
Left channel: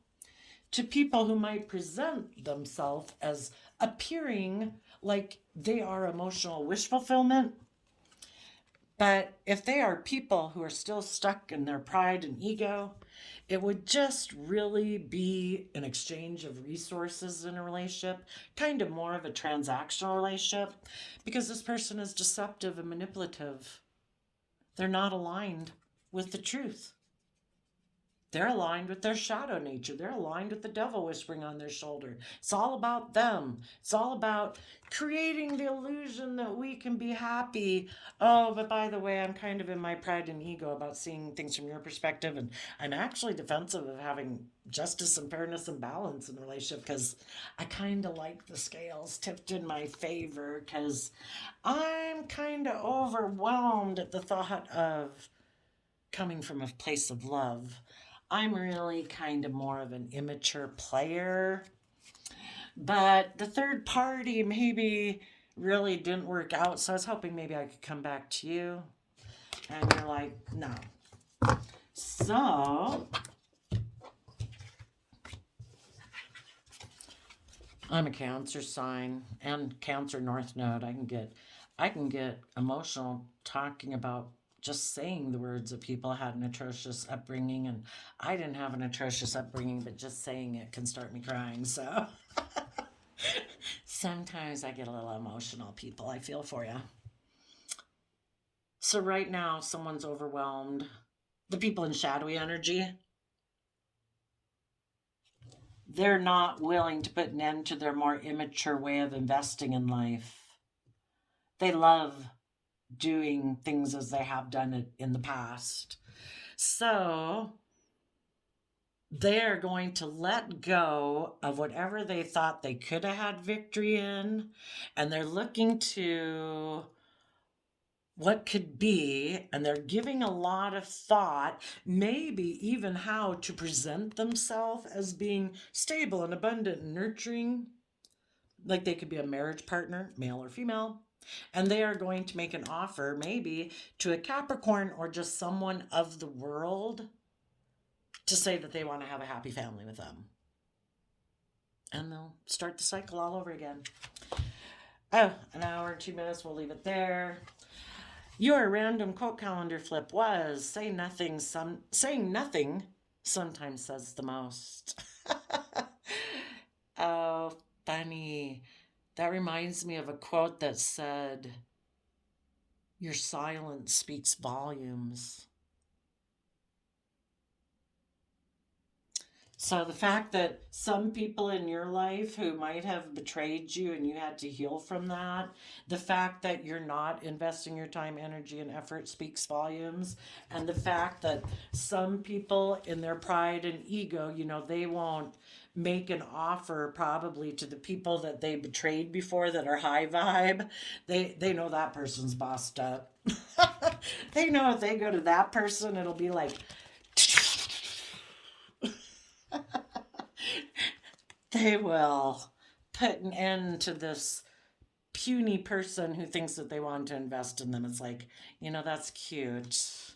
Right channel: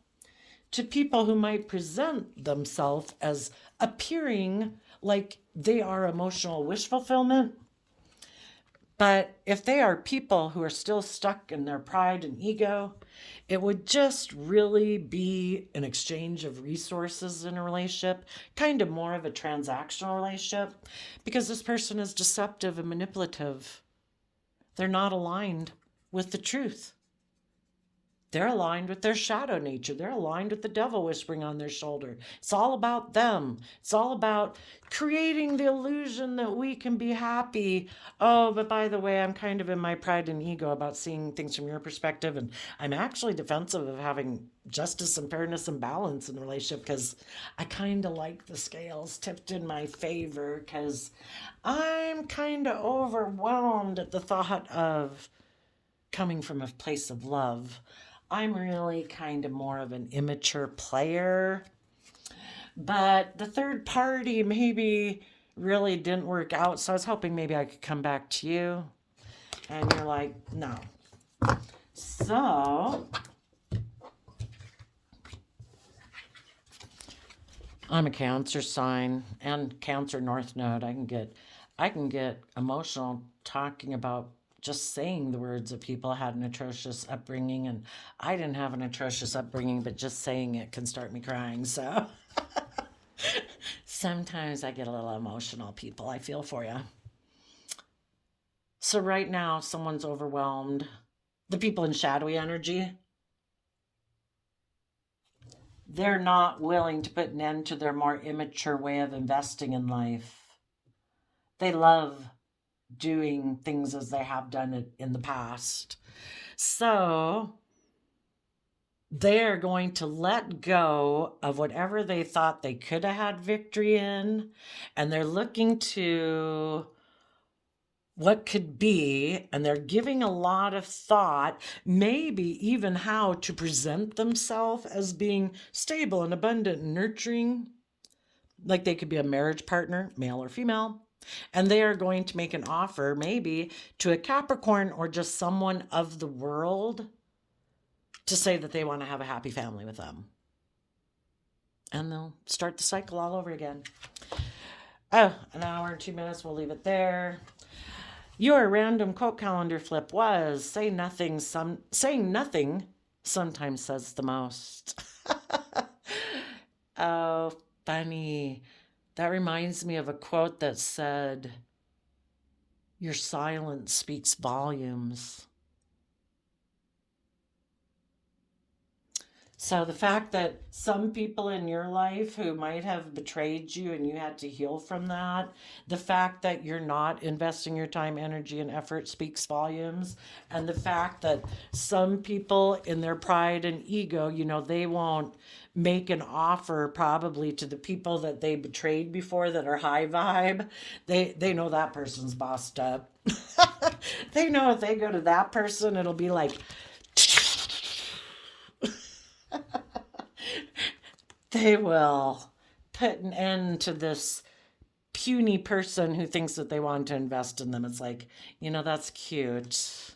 to people who might present themselves as appearing like they are emotional wish fulfillment. But if they are people who are still stuck in their pride and ego, it would just really be an exchange of resources in a relationship, kind of more of a transactional relationship, because this person is deceptive and manipulative. They're not aligned with the truth. They're aligned with their shadow nature. They're aligned with the devil whispering on their shoulder. It's all about them. It's all about creating the illusion that we can be happy. Oh, but by the way, I'm kind of in my pride and ego about seeing things from your perspective. And I'm actually defensive of having justice and fairness and balance in the relationship because I kind of like the scales tipped in my favor because I'm kind of overwhelmed at the thought of coming from a place of love. I'm really kind of more of an immature player. But the third party maybe really didn't work out. So I was hoping maybe I could come back to you. And you're like, no. So I'm a Cancer sign and Cancer North Node. I can get emotional talking about just saying the words of people had an atrocious upbringing, and I didn't have an atrocious upbringing, but just saying it can start me crying. So sometimes I get a little emotional, people. I feel for you. So right now, someone's overwhelmed. The people in shadowy energy, they're not willing to put an end to their more immature way of investing in life. They love doing things as they have done it in the past. So they're going to let go of whatever they thought they could have had victory in, and they're looking to what could be, and they're giving a lot of thought, maybe even how to present themselves as being stable and abundant and nurturing. Like they could be a marriage partner, male or female, and they are going to make an offer maybe to a Capricorn or just someone of the world to say that they want to have a happy family with them. And they'll start the cycle all over again. Oh, an hour and 2 minutes. We'll leave it there. Your random quote calendar flip was saying nothing sometimes says the most. Oh, funny. That reminds me of a quote that said, your silence speaks volumes. So the fact that some people in your life who might have betrayed you and you had to heal from that, the fact that you're not investing your time, energy, and effort speaks volumes. And the fact that some people in their pride and ego, they won't make an offer probably to the people that they betrayed before that are high vibe. They know that person's bossed up. They know if they go to that person, it'll be like, they will put an end to this puny person who thinks that they want to invest in them. It's like, that's cute.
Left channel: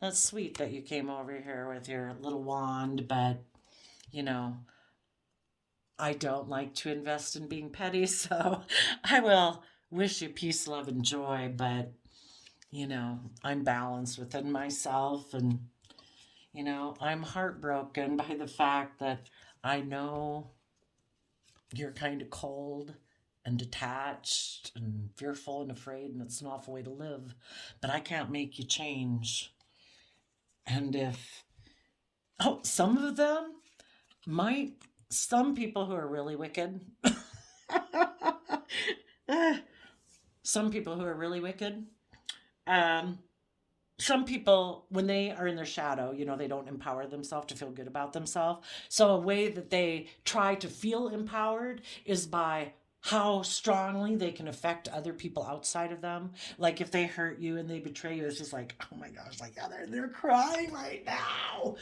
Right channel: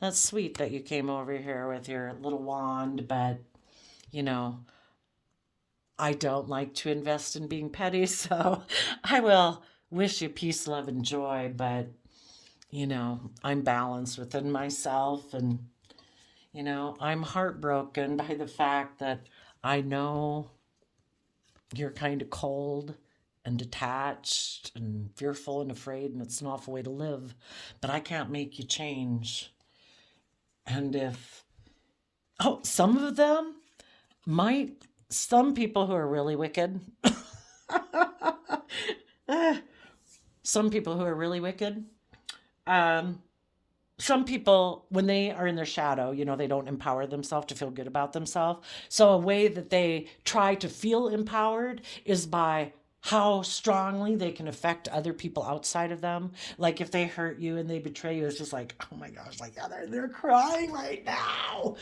That's sweet that you came over here with your little wand, but, I don't like to invest in being petty, so I will wish you peace, love, and joy, but, I'm balanced within myself, and, I'm heartbroken by the fact that I know you're kind of cold and detached and fearful and afraid, and it's an awful way to live. But I can't make you change. And some of them might, some people who are really wicked, some people who are really wicked, um, some people, when they are in their shadow, they don't empower themselves to feel good about themselves. So a way that they try to feel empowered is by how strongly they can affect other people outside of them. Like if they hurt you and they betray you, it's just like, oh my gosh, like, yeah, they're crying right now,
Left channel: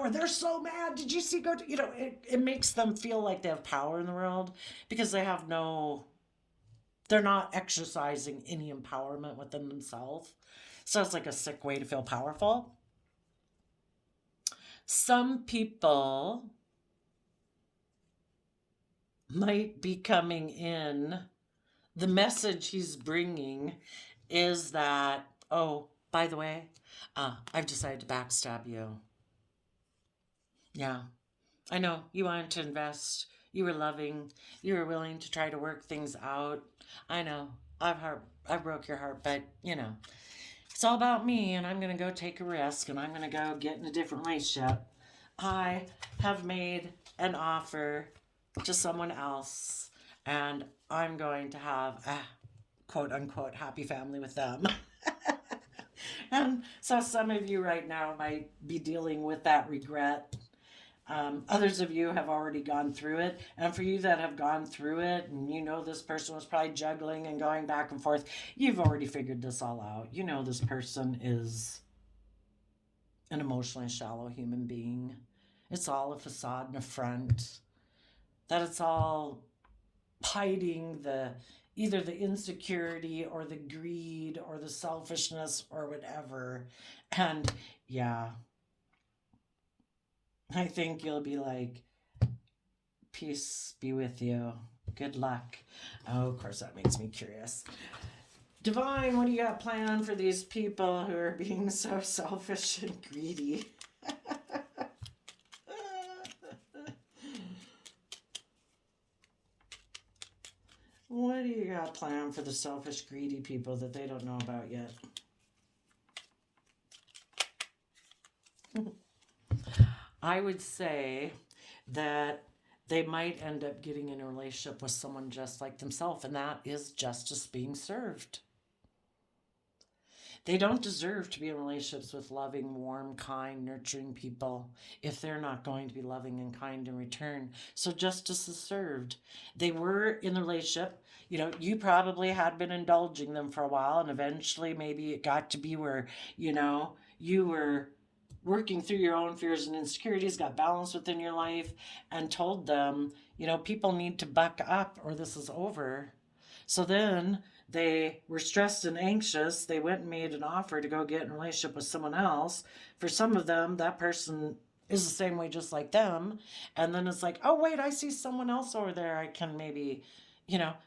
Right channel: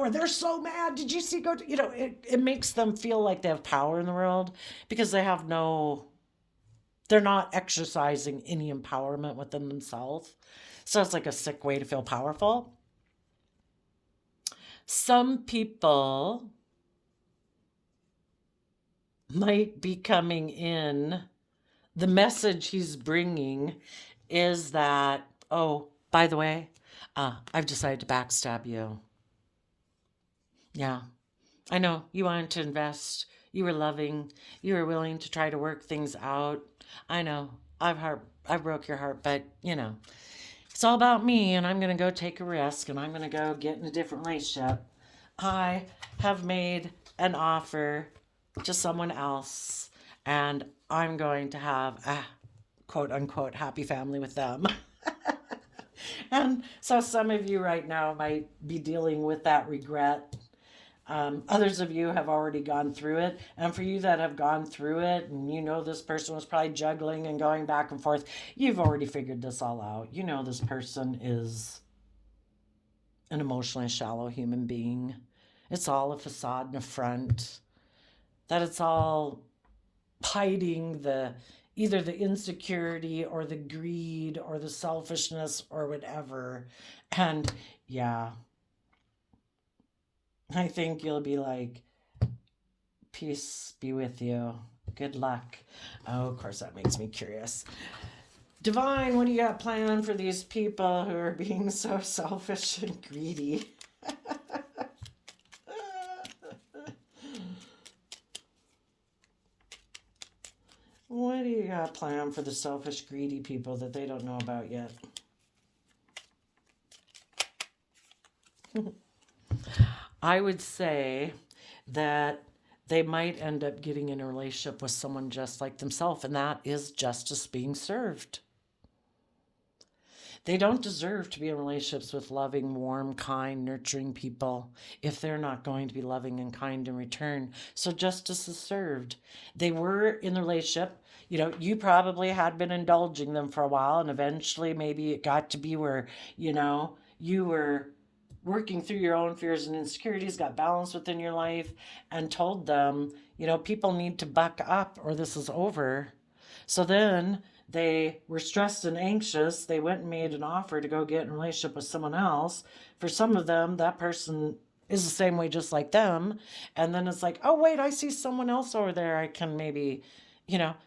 or they're so mad. Did you see, it makes them feel like they have power in the world because they're not exercising any empowerment within themselves. So it's like a sick way to feel powerful. Some people might be coming in. The message he's bringing is that, oh, by the way, I've decided to backstab you. Yeah, I know you wanted to invest. You were loving. You were willing to try to work things out. I know I broke your heart, but it's all about me, and I'm going to go take a risk, and I'm going to go get in a different relationship. I have made an offer to someone else, and I'm going to have a quote unquote happy family with them. And so some of you right now might be dealing with that regret. Others of you have already gone through it. And for you that have gone through it, and this person was probably juggling and going back and forth, you've already figured this all out. This person is an emotionally shallow human being. It's all a facade and a front. That it's all hiding either the insecurity or the greed or the selfishness or whatever. And yeah, I think you'll be like, peace be with you. Good luck. Oh, of course, that makes me curious. Divine, what do you got planned for these people who are being so selfish and greedy? What do you got planned for the selfish, greedy people that they don't know about yet? I would say that they might end up getting in a relationship with someone just like themselves, and that is justice being served. They don't deserve to be in relationships with loving, warm, kind, nurturing people if they're not going to be loving and kind in return. So justice is served. They were in the relationship. You probably had been indulging them for a while, and eventually maybe it got to be where, you were working through your own fears and insecurities, got balance within your life, and told them, people need to buck up or this is over. So then they were stressed and anxious. They went and made an offer to go get in a relationship with someone else. For some of them, that person is the same way just like them. And then it's like, oh, wait, I see someone else over there. I can maybe,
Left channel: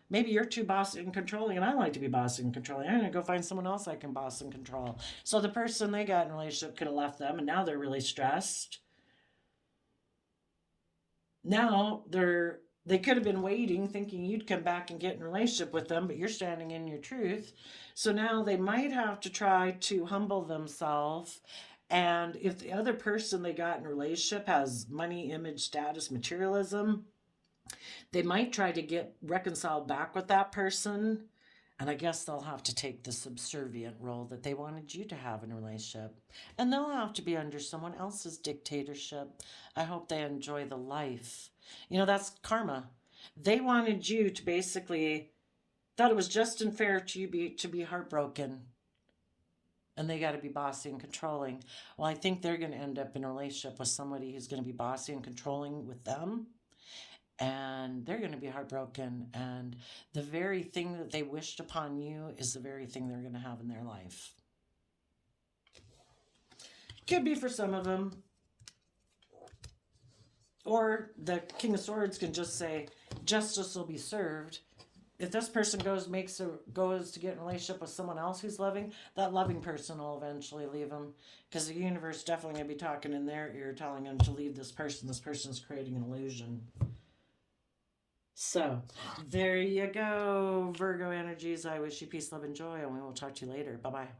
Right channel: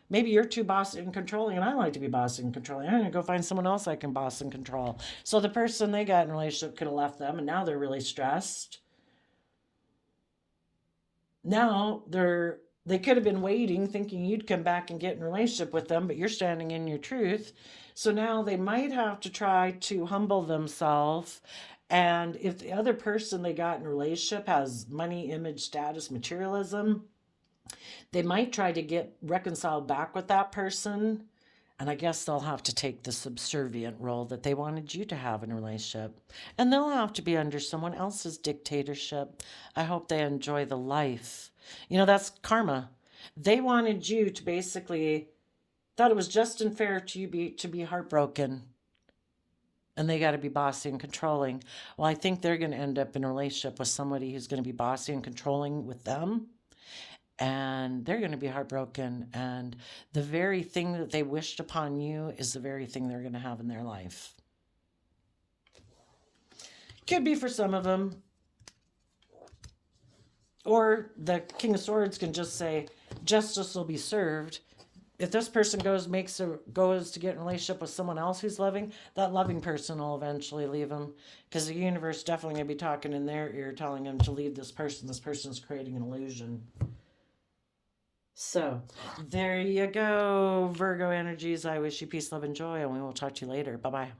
maybe you're too bossy and controlling, and I like to be bossy and controlling. I'm going to go find someone else I can boss and control. So the person they got in a relationship could have left them, and now they're really stressed. Now they could have been waiting, thinking you'd come back and get in a relationship with them, but you're standing in your truth. So now they might have to try to humble themselves. And if the other person they got in a relationship has money, image, status, materialism, they might try to get reconciled back with that person. And I guess they'll have to take the subservient role that they wanted you to have in a relationship. And they'll have to be under someone else's dictatorship. I hope they enjoy the life. That's karma. They wanted you to basically thought it was just and fair to be heartbroken. And they got to be bossy and controlling. Well, I think they're going to end up in a relationship with somebody who's going to be bossy and controlling with them. And they're going to be heartbroken. And the very thing that they wished upon you is the very thing they're going to have in their life. Could be for some of them. Or the King of Swords can just say, justice will be served. If this person goes to get in a relationship with someone else who's loving, that loving person will eventually leave them, because the universe is definitely going to be talking in their ear, telling them to leave this person. This person's creating an illusion. So there you go, Virgo energies. I wish you peace, love, and joy, and we will talk to you later. Bye bye.